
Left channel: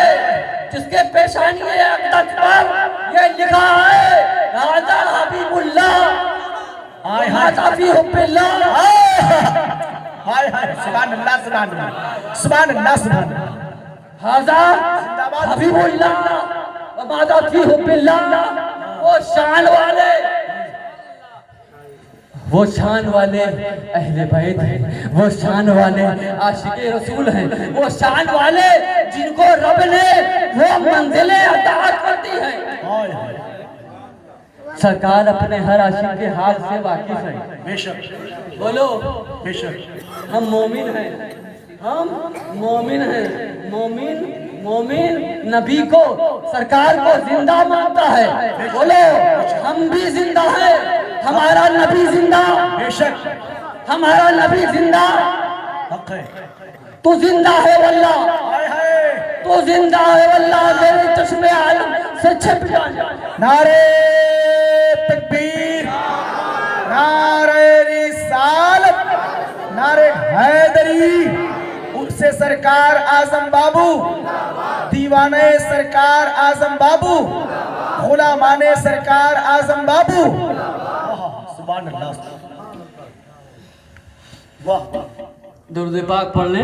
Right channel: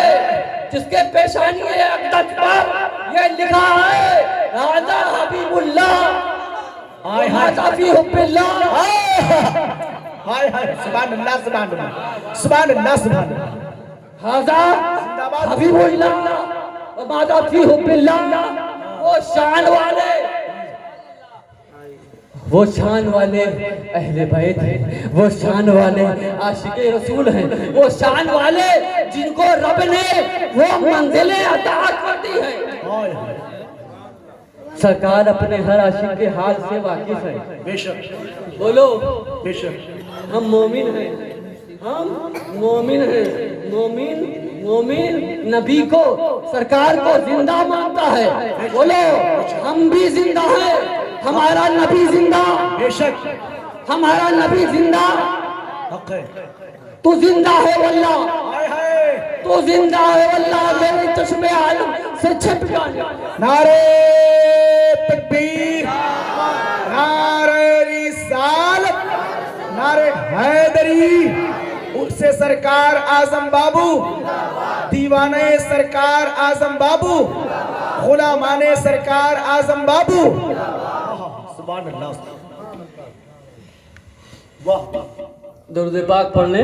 जिसके पेशानी अक़दस पर ये लिखा है राजा हबीबुल्लाह, हाय हाय सुभान अल्लाह, सुभान अल्लाह, सुभान अल्लाह, सुभान अल्लाह, हाजा हबीबुल्लाह व मादा फी हुब्बिल्लाह। वो शान वाले अहले बैत हैं, वो शान वाले आशिके रसूल हैं, वो शान वाले जिनको रब ने वो मंजिलें अता कर दी हैं। सरकार अपने हर आशिक के हाल से वाकिफ है। बेशक बोलो, बेशक हम मोमिन हैं, हम मोमिन हैं। मोमिन मोमिन नबी को, सरकार को जिंदा मानता है। बोलो हम भी जिंदा हैं, हमारा नबी जिंदा, बेशक हमारा नबी जिंदा। हक है। तू जिंदा है वल्लाह, हाय हाय। तू जिंदा है वल्लाह, मेरे चश्मे आलम से छिप जा। नारे तकबीर, नारे रिसालत, नारे हैदरी। उससे सरकार आजम बाबू, दीवाने सरकार आजम बाबू, गुलामाने सरकार आजम बाबू। सुभान अल्लाह। वाह। दुरूद पाक पढ़ने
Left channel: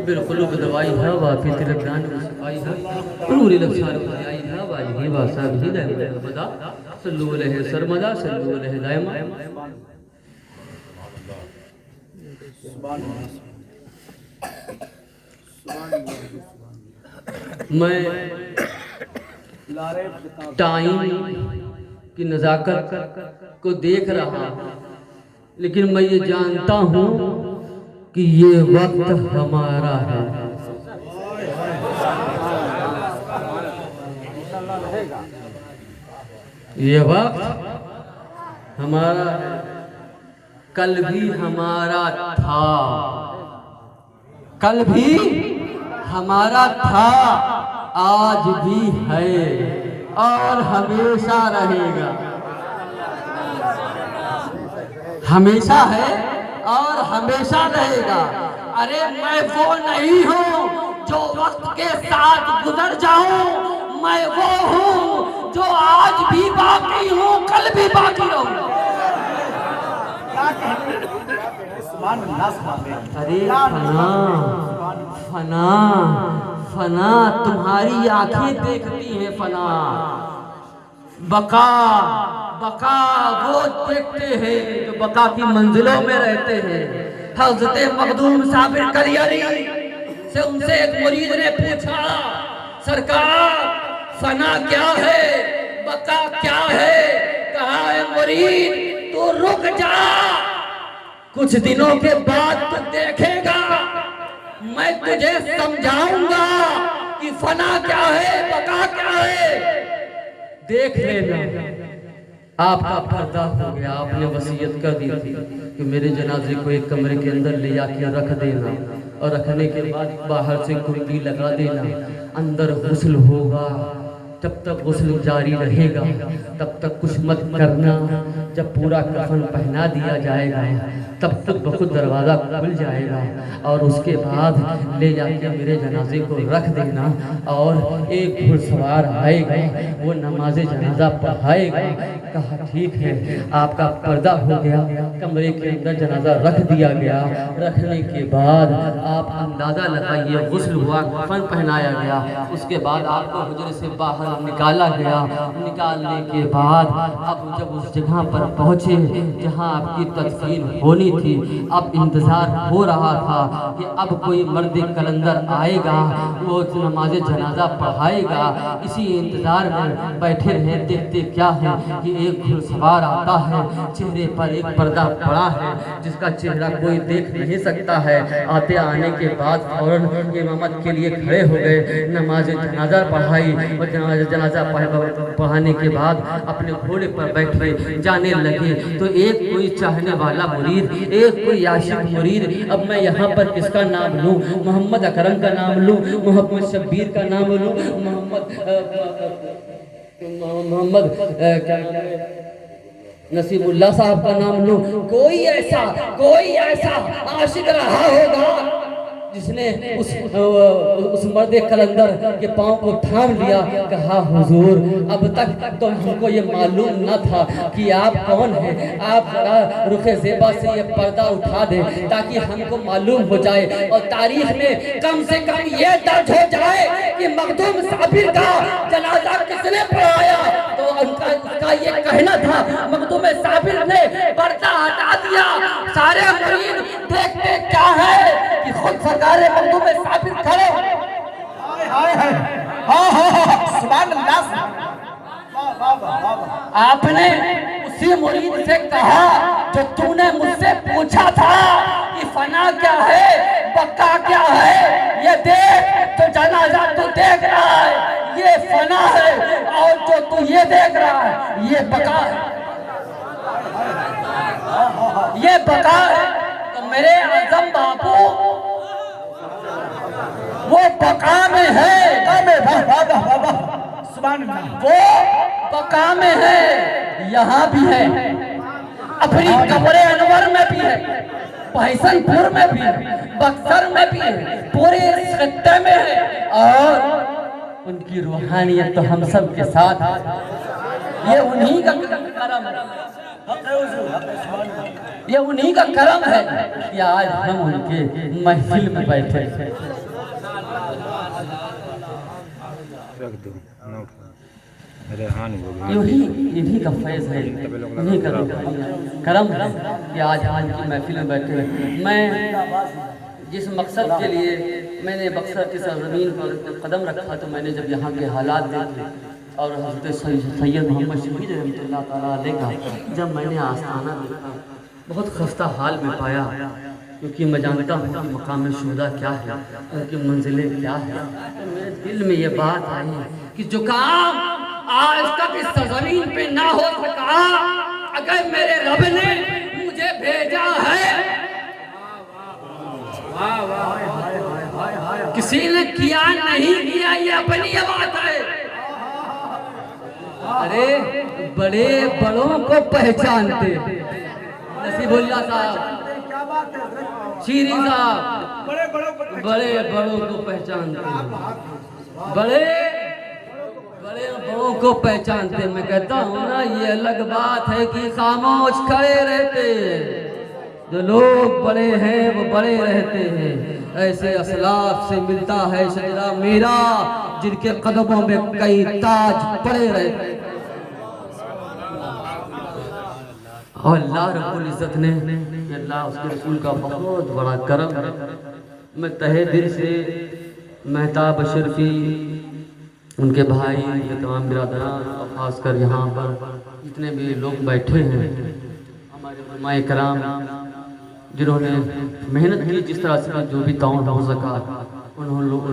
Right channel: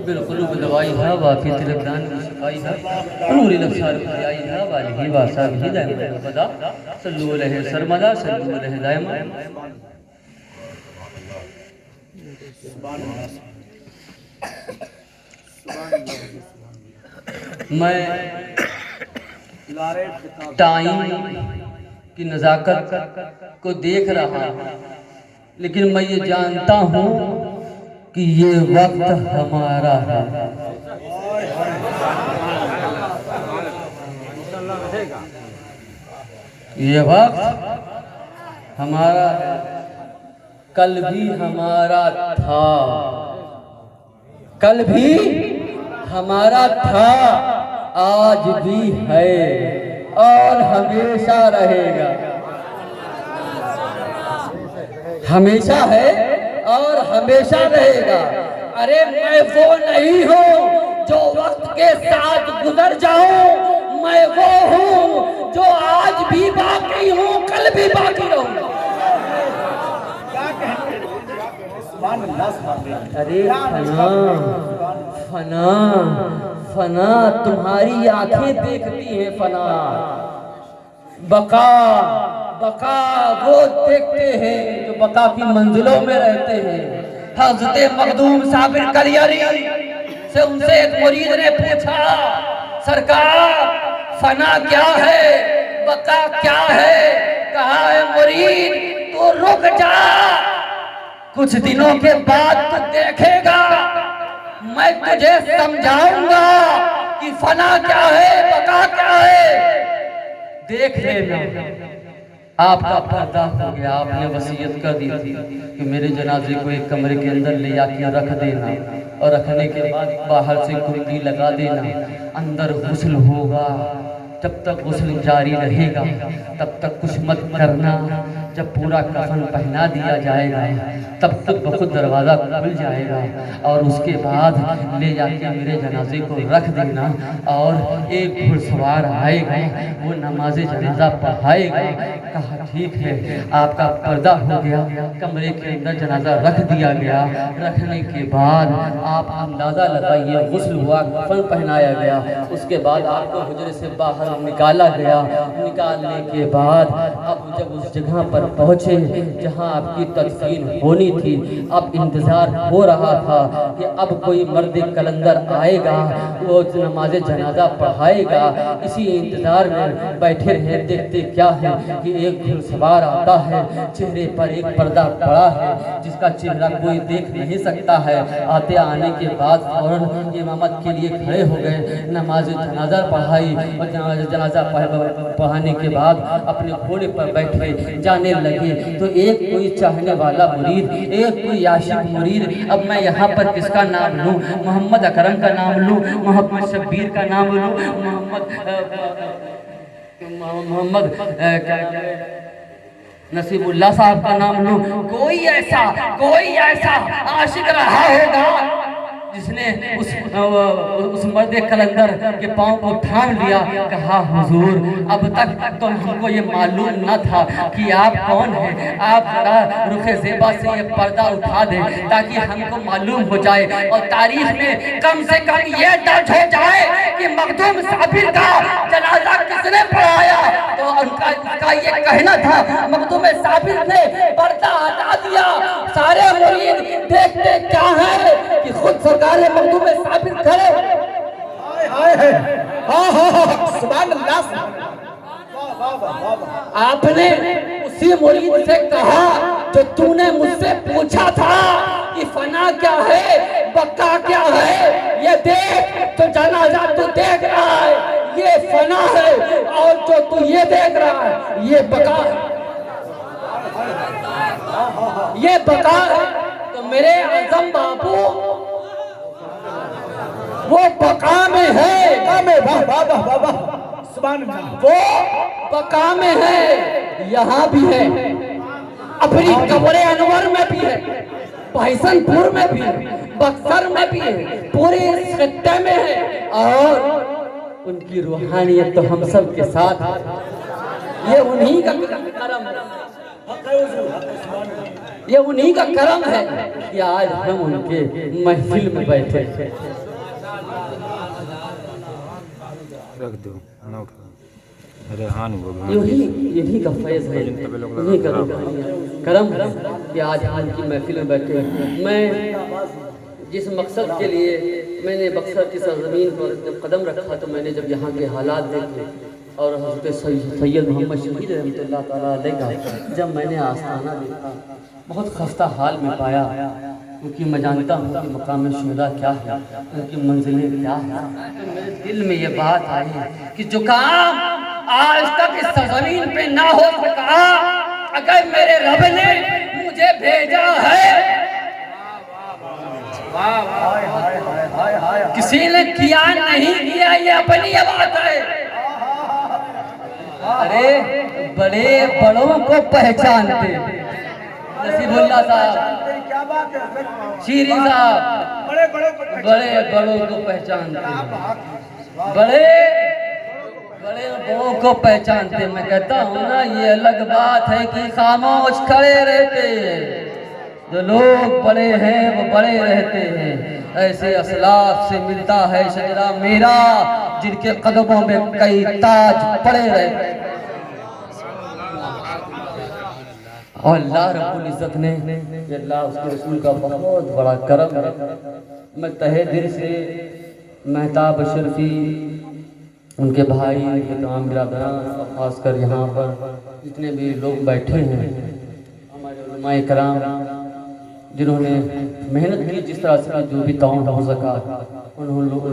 बिल्कुल दवाई है वाफी तिलजान सफाई है नूर नफसार खजाई है वाली वासा भी दायम बदा सल्लु अलैहि सरमदा सल्लु अलैहि दायम। मैं टाइम की नज़ाकत को देख रहा हूँ, लेकिन मैं ये जानता हूँ कि ये वक्त हमारा है। ये वक्त हमारा है, कल भी हमारा था, कल भी हमारा था, आज भी है और हमेशा रहेगा। हमेशा है और हमेशा रहेगा। अरे मैं वो नहीं हूँ जो वक्त के साथ गुजर जाऊं, मैं वो हूँ जो आज भी बाकी हूँ, कल भी बाकी रहूँ। अरे फना फना फना तुम्हारी आंखें देखती हैं फना, बका बका वो देखते हैं जो बका की मंजिलों में रहते हैं। हज़रत मखदूम साबिर कलियारी से उनसे एक मुरीद ने पूछा, सरकार फना क्या है, बका क्या है? कहा है मुरीद तू रुक जा, कुछ दिनों के बाद तू देखेगा, मैं तुझे समझाऊंगा कि फना क्या है, बका क्या है। देख लेना। आपका पर्दा हो गया, आपने वसीयत कर दी थी कि मेरे जनाजे को एक कमरे के अंदर ले जाके रख देना और रखने के बाद बाहर से कुंडी लगा देना, अंदर गुस्ल होगा, जब तक गुस्ल जारी रहेगा तब तक कुछ मत करना। जब पूरा कफन पहना दिया जाएगा तब खुद ब खुद दरवाज़ा खुल जाएगा और उसके बाद ले जाके मेरे जनाजे को रख देना और एक घुड़सवार आएगा, वो नमाज जनाजा पढ़ाएगा। कहा ठीक है, आपका पर्दा हो गया, कमरे के अंदर जनाजा रख दिया गया। रखने के बाद आप अंदाज़ा लगाइए, गुस्ल हुआ, कफन पहनाया गया, उसके बाद आपको हुजरे से बाहर निकाला गया। निकालने के बाद अब जब उस जगह पर पहुँचे जहाँ आपकी तदफीन होनी थी, अब इंतज़ार हो रहा था कि अब कोई मर्द कलंदर आएगा, वो नमाज जनाजा पढ़ाएगा। इसी इंतज़ार में बैठे रहे। देखते क्या है कि एक घुड़सवार आता है, चेहरे पर एक पर्दा पड़ा है जिसका चेहरा कोई देख नहीं सकता है। आते आने के बाद फौरन इमामत के लिए खड़े हो गए, नमाज जनाजा पढ़ाई और नमाज जनाजा पढ़ाने के बाद अपने घोड़े पर बैठे जाने लगे। तो एक कोई चाहने वाला मुरीद, एक कोई आशिक मुरीद, अब मैं यहाँ पर किसका नाम लूँ? मोहम्मद अकरम का नाम लूँ, मोहम्मद शब्बीर का नाम लूँ, मोहम्मद नसीबुल्लाह साहब का नाम लूं? कोई ऐसा आशिक रहा होगा जिसने उस मर्द कलंदर के पांव को थाम लिया, कहा हुजूर अब तक तो हमको ये मालूम न था कि आप कौन हैं, आप रुखे ज़ेबा से ये पर्दा उठा दें ताकि हमको मालूम हो जाए और तारीख में कम से कम ये दर्ज हो जाए कि मखदूम साबिर का जनाजा किसने पढ़ाया। तो उनका ये कहना था, मखदूम साबिर ने पर्दा हटा दिया। सारे मुरीद देखते क्या है कि खुद सरकार मखदूम साबिर खड़े। सुभान अल्लाह। आपने उसी मुरीद से कहा जो तूने मुझसे पूछा था कि फना क्या है, बका क्या है, ये देख तो जनाजा तू देख रहा है, ये फना है, और जो तू ये देख रहा है ये बका है, ये बका है। तो मेरे आजम बापू वो बका में है, बका में, वाह वाह वाह वाह वाह, सुभान अल्लाह। वो बका में है, यहाँ भी है, अपनी कब्रे अनवर में भी है, भैसनपुर में भी है, बक्सर में भी है, पूरे इस खित्ते में है, और उनकी रूहानियत तो हम सब के साथ है। ये उन्हीं का करम है, ये उन्हीं का करम है कि आज हम उनके महफिल में बैठे हैं। रख दो, नोट कर। रेहान भगवान यही का फैज है, यही का करम है कि आज की महफिल में बैठे हैं। मैं जिस मकसद के लिए मैंने बक्सर की सरजमीन पर कदम रखा, तो मैंने जब यहाँ के हालात देखे और हज़रत सैयद मोहम्मद शहीद रहमतुल्लाह तआला अलैह का जब मैंने आस्ताना देखा, बहुत खस्ता हाल में पाया, क्योंकि मैं जानता हूँ कि मकाम शुहदा क्या है, उनकी मंजिलें क्या है। तो मेरे दिल में ये बात आई कि जो काम आज तक इस सरजमीन पे ना हो सका, अगर मेरे रब ने मुझे भेजा है, किसी ने किया नहीं किया ये अपनी बात है। अरे बड़े बड़ों को पहचानते, नसीबुल्लाह साहब, शीरी साहब, बड़े बड़ों को पहचानते, बड़े बड़ों को पहचानते। मैं कहता हूँ ना, ये अलग बात है कि खामोश खड़े रहते हैं। जो लोग बड़े हैं वो बड़े रहते हैं। ऐसे असलाफ से मिलता है शजरा मेरा, जिनके कदमों में कई ताज पड़े रहते हैं। और अल्लाह रब्बुल इज़्ज़त ने, अल्लाह उसके रसूल का बहुत बड़ा करम है। मैं तहे दिल से मेहताब अशरफी, उनके भाई, उनके तमाम बिरादरान, खासकर यहाँ पर जितने भी लोग बैठे हैं, हमारे उलमाए कराम जिन्होंने मेहनत की, जिस तरह से जो भी ताउन हो सका उन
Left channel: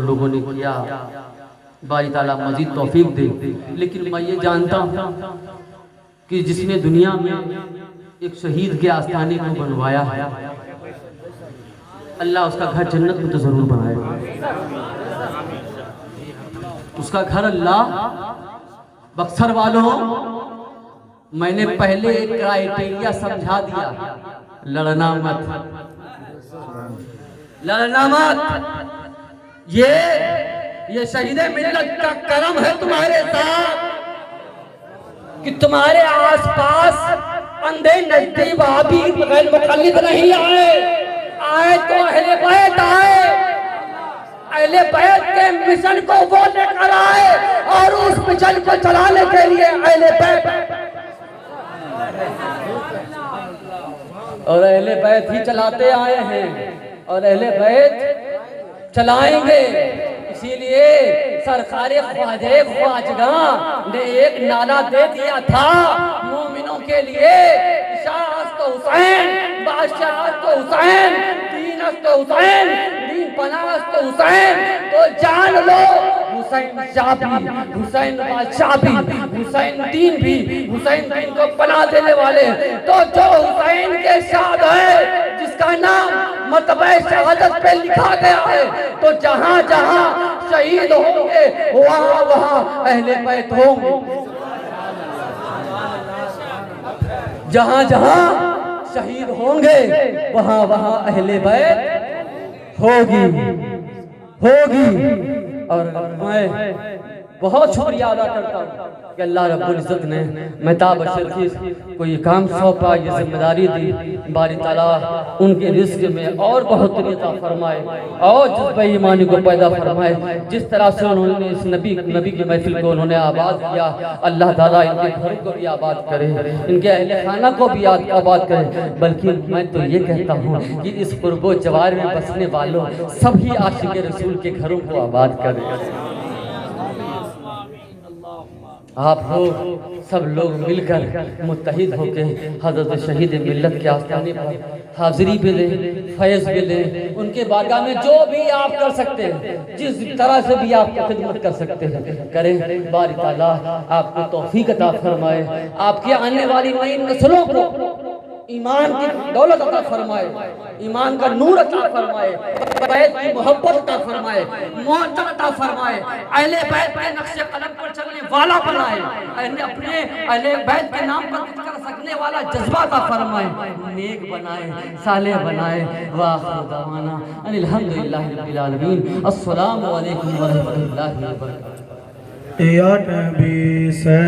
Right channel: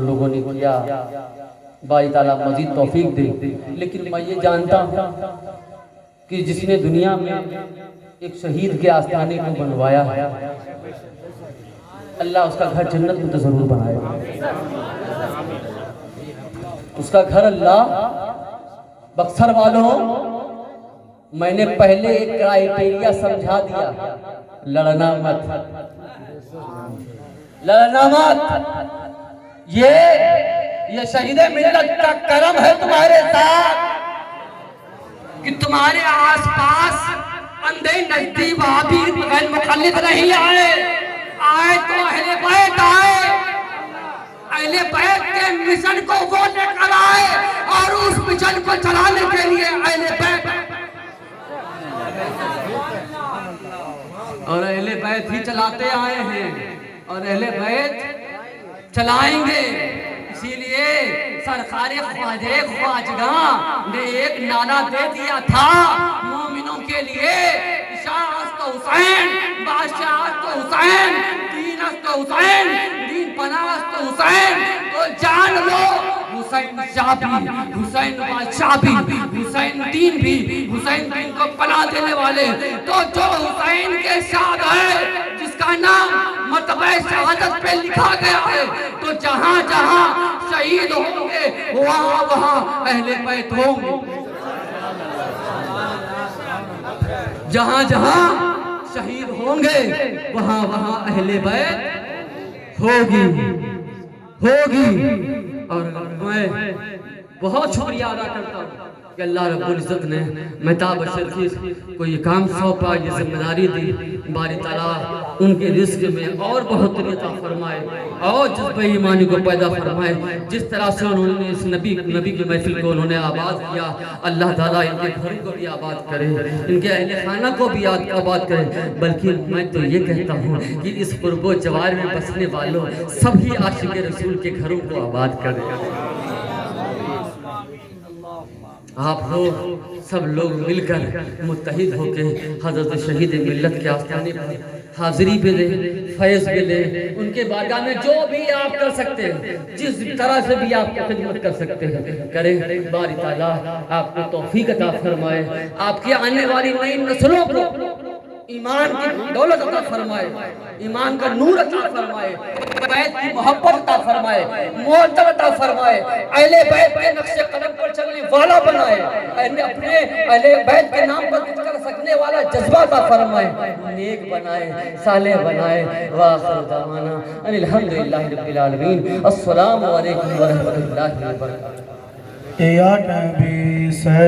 लोगों ने किया, बारी ताला मजीद तौफीक दे। लेकिन मैं ये जानता हूँ कि जिसने दुनिया में एक शहीद के आस्थाने को बनवाया है, अल्लाह उसका घर जन्नत में तो ज़रूर बनाएगा। उसका घर अल्लाह, बक्सर वालों, मैंने पहले एक क्राइटेरिया समझा दिया, लड़ना मत, लड़ना मत। ये शहीद मिल्लत का करम है तुम्हारे साथ कि तुम्हारे आसपास अंधे नजदी वहाबी बगैर मुखल्लिफ नहीं आए तो अहले बैत आए, अहले बैत के मिशन को वो लेकर आए और उस मिशन को चलाने के लिए अहले बैत और अहले बैत ही चलाते आए हैं और अहले बैत चलाएंगे। इसीलिए सरकारे ख्वाजे ख्वाजगां ने एक नारा दे दिया था मोमिनों के लिए, शाहस्त हुसैन, बादशाहत हुसैन, दीनस्त हुसैन, दीन पनाहस्त हुसैन। तो जान लो, हुसैन शाह भी, हुसैन बादशाह भी, हुसैन दीन भी, हुसैन दीन को पनाह देने वाले। तो जो हुसैन के शाद है, जिसका नाम मतबे शहादत पे लिखा गया है, तो जहां जहां शहीद होंगे वहां वहां अहले बैत होंगे, जहां जहां शहीद होंगे वहां वहां अहले बैत होगी। और मैं बहुत शुक्रिया अदा करता हूँ कि अल्लाह रब्बुल इज़्ज़त ने मेहताब अशरफी को ये काम सौंपा, ये जिम्मेदारी दी। बारी ताला उनके रिज़्क़ में और बढ़ोतरी अता फरमाए और जज्बे ईमानी को पैदा फरमाए। जिस तरह से उन्होंने इस नबी की महफिल को उन्होंने आबाद किया, अल्लाह ताला इनके घर को भी आबाद करे, इनके अहले खाना को भी आबाद करे। बल्कि मैं तो ये कहता हूँ कि इस पुरबो जवार में बसने वालों सभी आशिक़ रसूल के घरों को आबाद करे। आप लोग सब लोग मिलकर मुत्तहिद होकर हज़रत शहीद मिल्लत के आस्थाने पर हाज़िरी भी लें, फैज़ भी लें। उनके बारगाह में जो भी आप कर सकते हैं, जिस तरह से भी आप खिदमत कर सकते हैं करें। बारी ताला आपको तौफीक अता फरमाए, आपकी आने वाली नई नस्लों को ईमान की दौलत अता फरमाए, ईमान का नूर अता फरमाए, बैत की मोहब्बत अता फरमाए, मोहब्बत अता फरमाए, अहले बैत के नक्शे कदम पर चलने वाला बनाए, अपने अहले बैत के नाम पर कुछ कर सकने वाला जज्बा अता फरमाए, नेक बनाए, सालेह बनाए। व आखिर दावाना अनिल हम्दुलिल्लाहि रब्बिल आलमीन। अस्सलामु अलैकुम व रहमतुल्लाहि व बरकातहू। या नबी